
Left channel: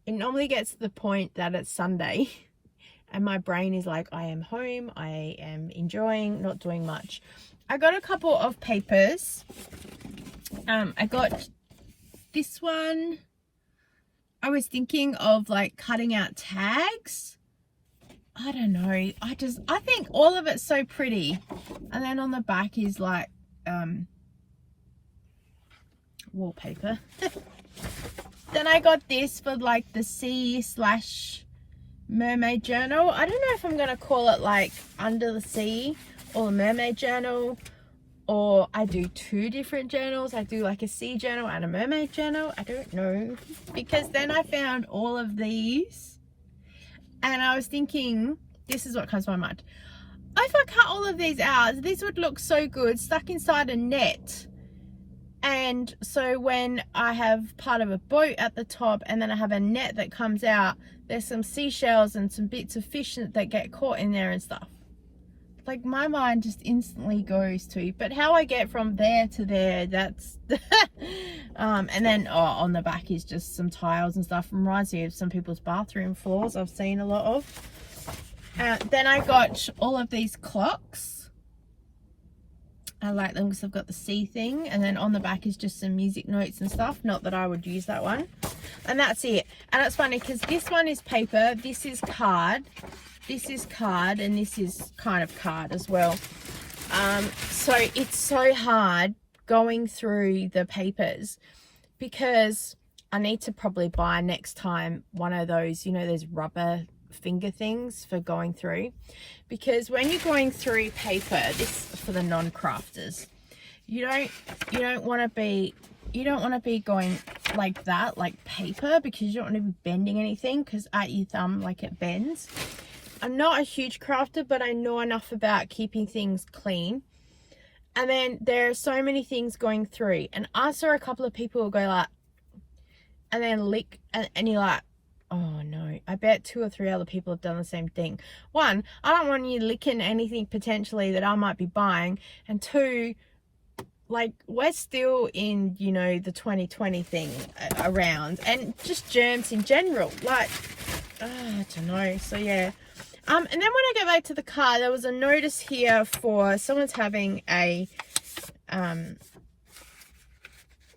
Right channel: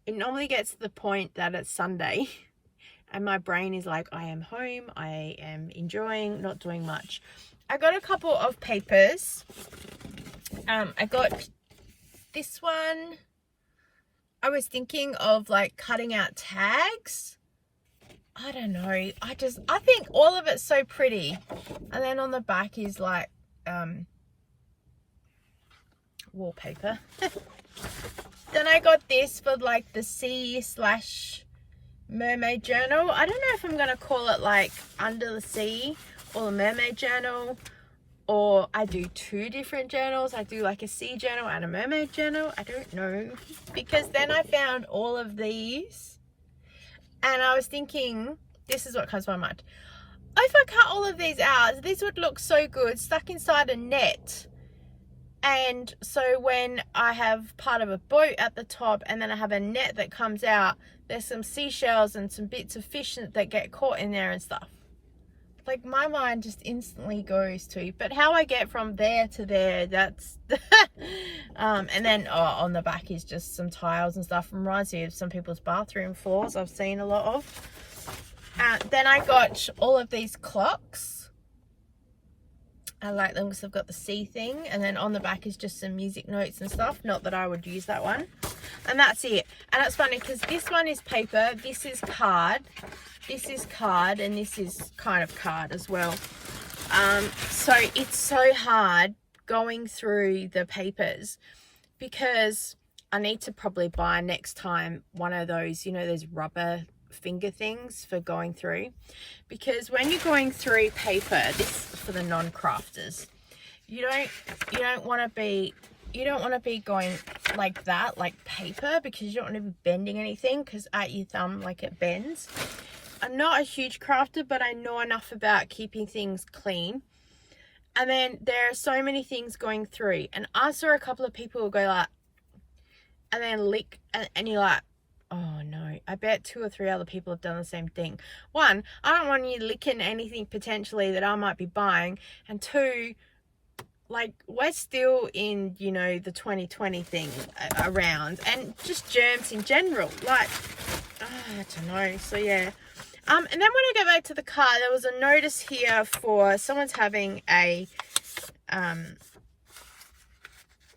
it normally gets to the point that it's Sunday and my brain is like, I am home, I am enjoying, not doing much. I got a couple of papers. I got this one. I was thinking of like cutting out tags. I don't know. I think all of it's so pretty. And then on the back is like wallpaper. Then I got this for like the sea/mermaid journal. I don't know if I'm going to call it like under the sea or the mermaid journal, or I do 2 different journals. I do like a sea journal and a mermaid journal. I don't know, because then I found all of these and I was thinking, this is what comes to my mind. If I cut all of these out, this would look so good stuck inside a net. And so when I have part of a boat at the top and then I have a net that comes out, there's some seashells and some bits of fish that get caught in there and stuff. Like my mind just instantly goes to, but how I get from there to there, that's and then on the back is just some tiles and stuff. Reminds me of some people's bathroom floors I've seen a lot of. Then I got all of these clocks. I like them because I've got the sea thing, and then on the back is just some music notes and stuff. Not that I would use that one. And that's it. And it's funny because this one is paper, this is card, this is card, and this is kind of card as well. So it's so hard going through the papers, because I need to probably buy next time one of those, you know, those rubber finger things for going through, because when you're going through paper, this is for the non-crafters, you don't want to be going like that, like paper, because you don't want to be bending anything, because at your thumb, like, it bends. I'm not a huge crafter, but I know enough about keeping things clean. And then there are so many things going through, and I saw a couple of people go like, and then lick, and you're like, oh no, I bet 2 or 3 other people have done the same thing. 1, I don't want you licking anything potentially that I might be buying. And 2, like, we're still in, you know, the 2020 thing around, and just germs in general. Like, I don't know. So yeah. And then when I get back to the car, there was a notice here for someone's having a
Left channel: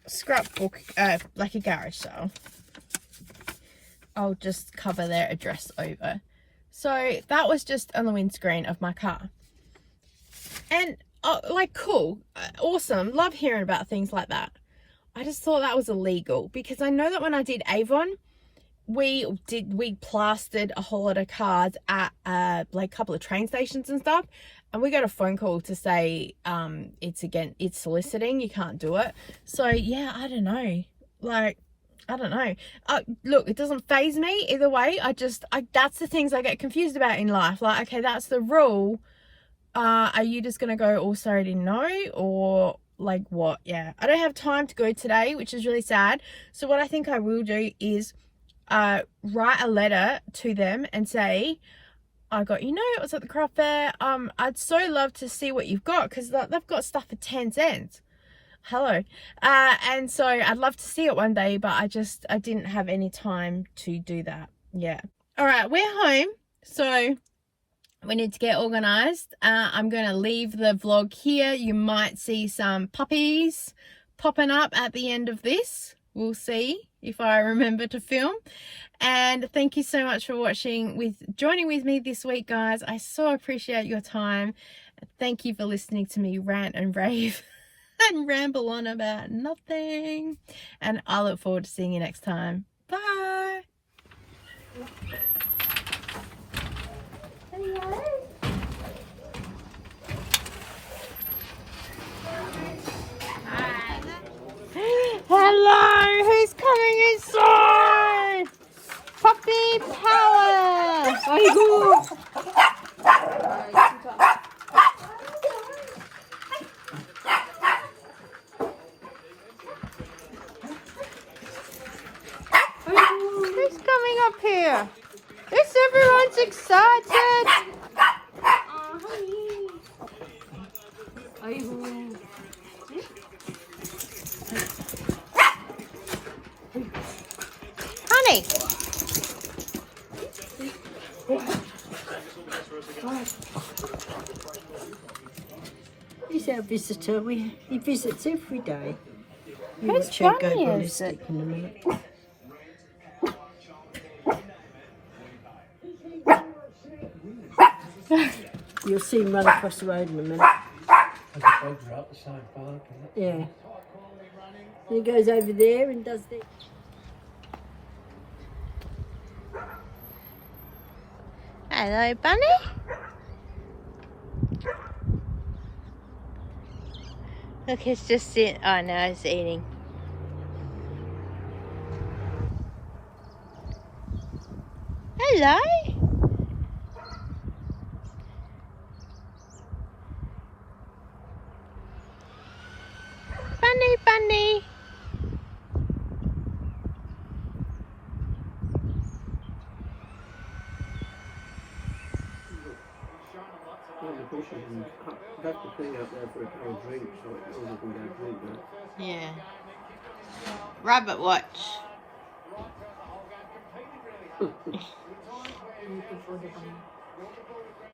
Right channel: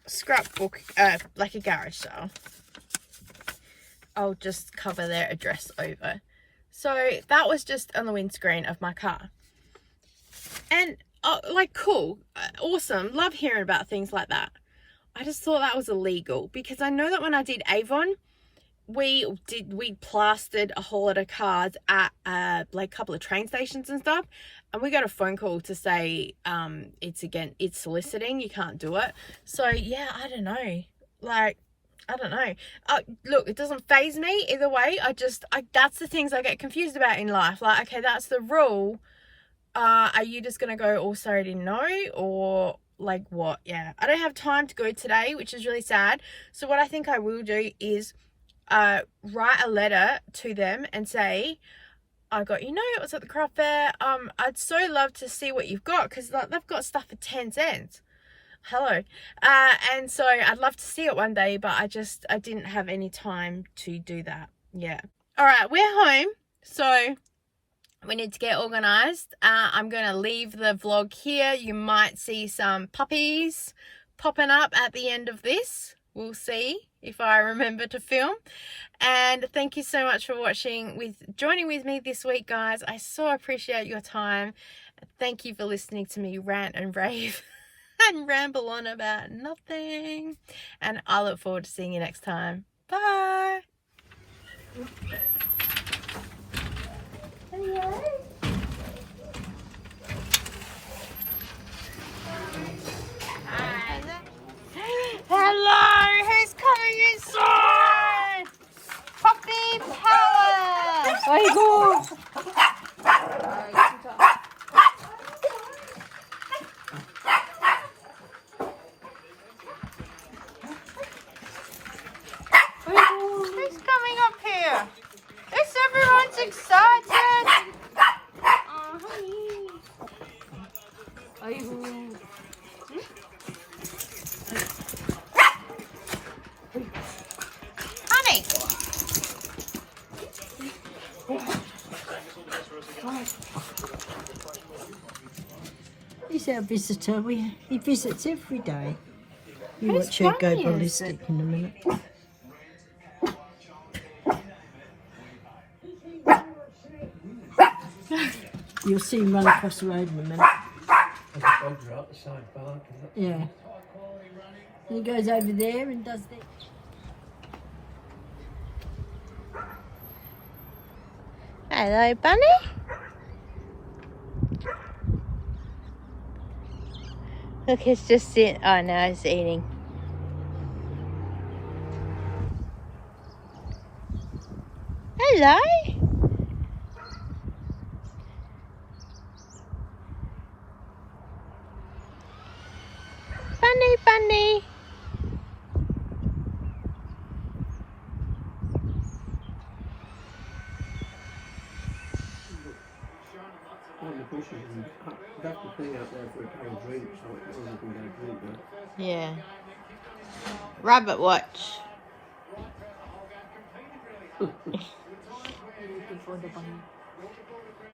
scrapbook, like a garage sale. I'll just cover their address over. So that was just on the windscreen of my car. And like, cool, awesome, love hearing about things like that. I just thought that was illegal, because I know that when I did Avon, we plastered a whole lot of cards at like a couple of train stations and stuff, and we got a phone call to say it's soliciting, you can't do it. So yeah, I don't know, like, I don't know. Look, it doesn't faze me either way. That's the things I get confused about in life. Like, okay, that's the rule. Are you just gonna go, oh, sorry, I didn't know, or like what? Yeah, I don't have time to go today, which is really sad. So what I think I will do is write a letter to them and say, I got your note, I was at the craft fair, I'd so love to see what you've got, because they've got stuff for 10 cents. Hello. And so I'd love to see it one day, but I didn't have any time to do that. Yeah. All right, we're home, so we need to get organized. I'm going to leave the vlog here. You might see some puppies popping up at the end of this. We'll see if I remember to film. And thank you so much for joining with me this week, guys. I so appreciate your time. Thank you for listening to me rant and rave and ramble on about nothing. And I look forward to seeing you next time. Bye. Hello. Hello, who's coming inside? Puppy power! Aigo! Who's coming up here? Yes, everyone's excited! Honey! He's our visitor. He visits every day. Who's watch her go Bunny, ballistic in a minute. You'll see him run across the road in a minute. Yeah. He goes over there and does that. Hello, Bunny. Look, it's just sitting. Oh no, it's eating. Hello. Bunny, Bunny. Yeah. Rabbit watch.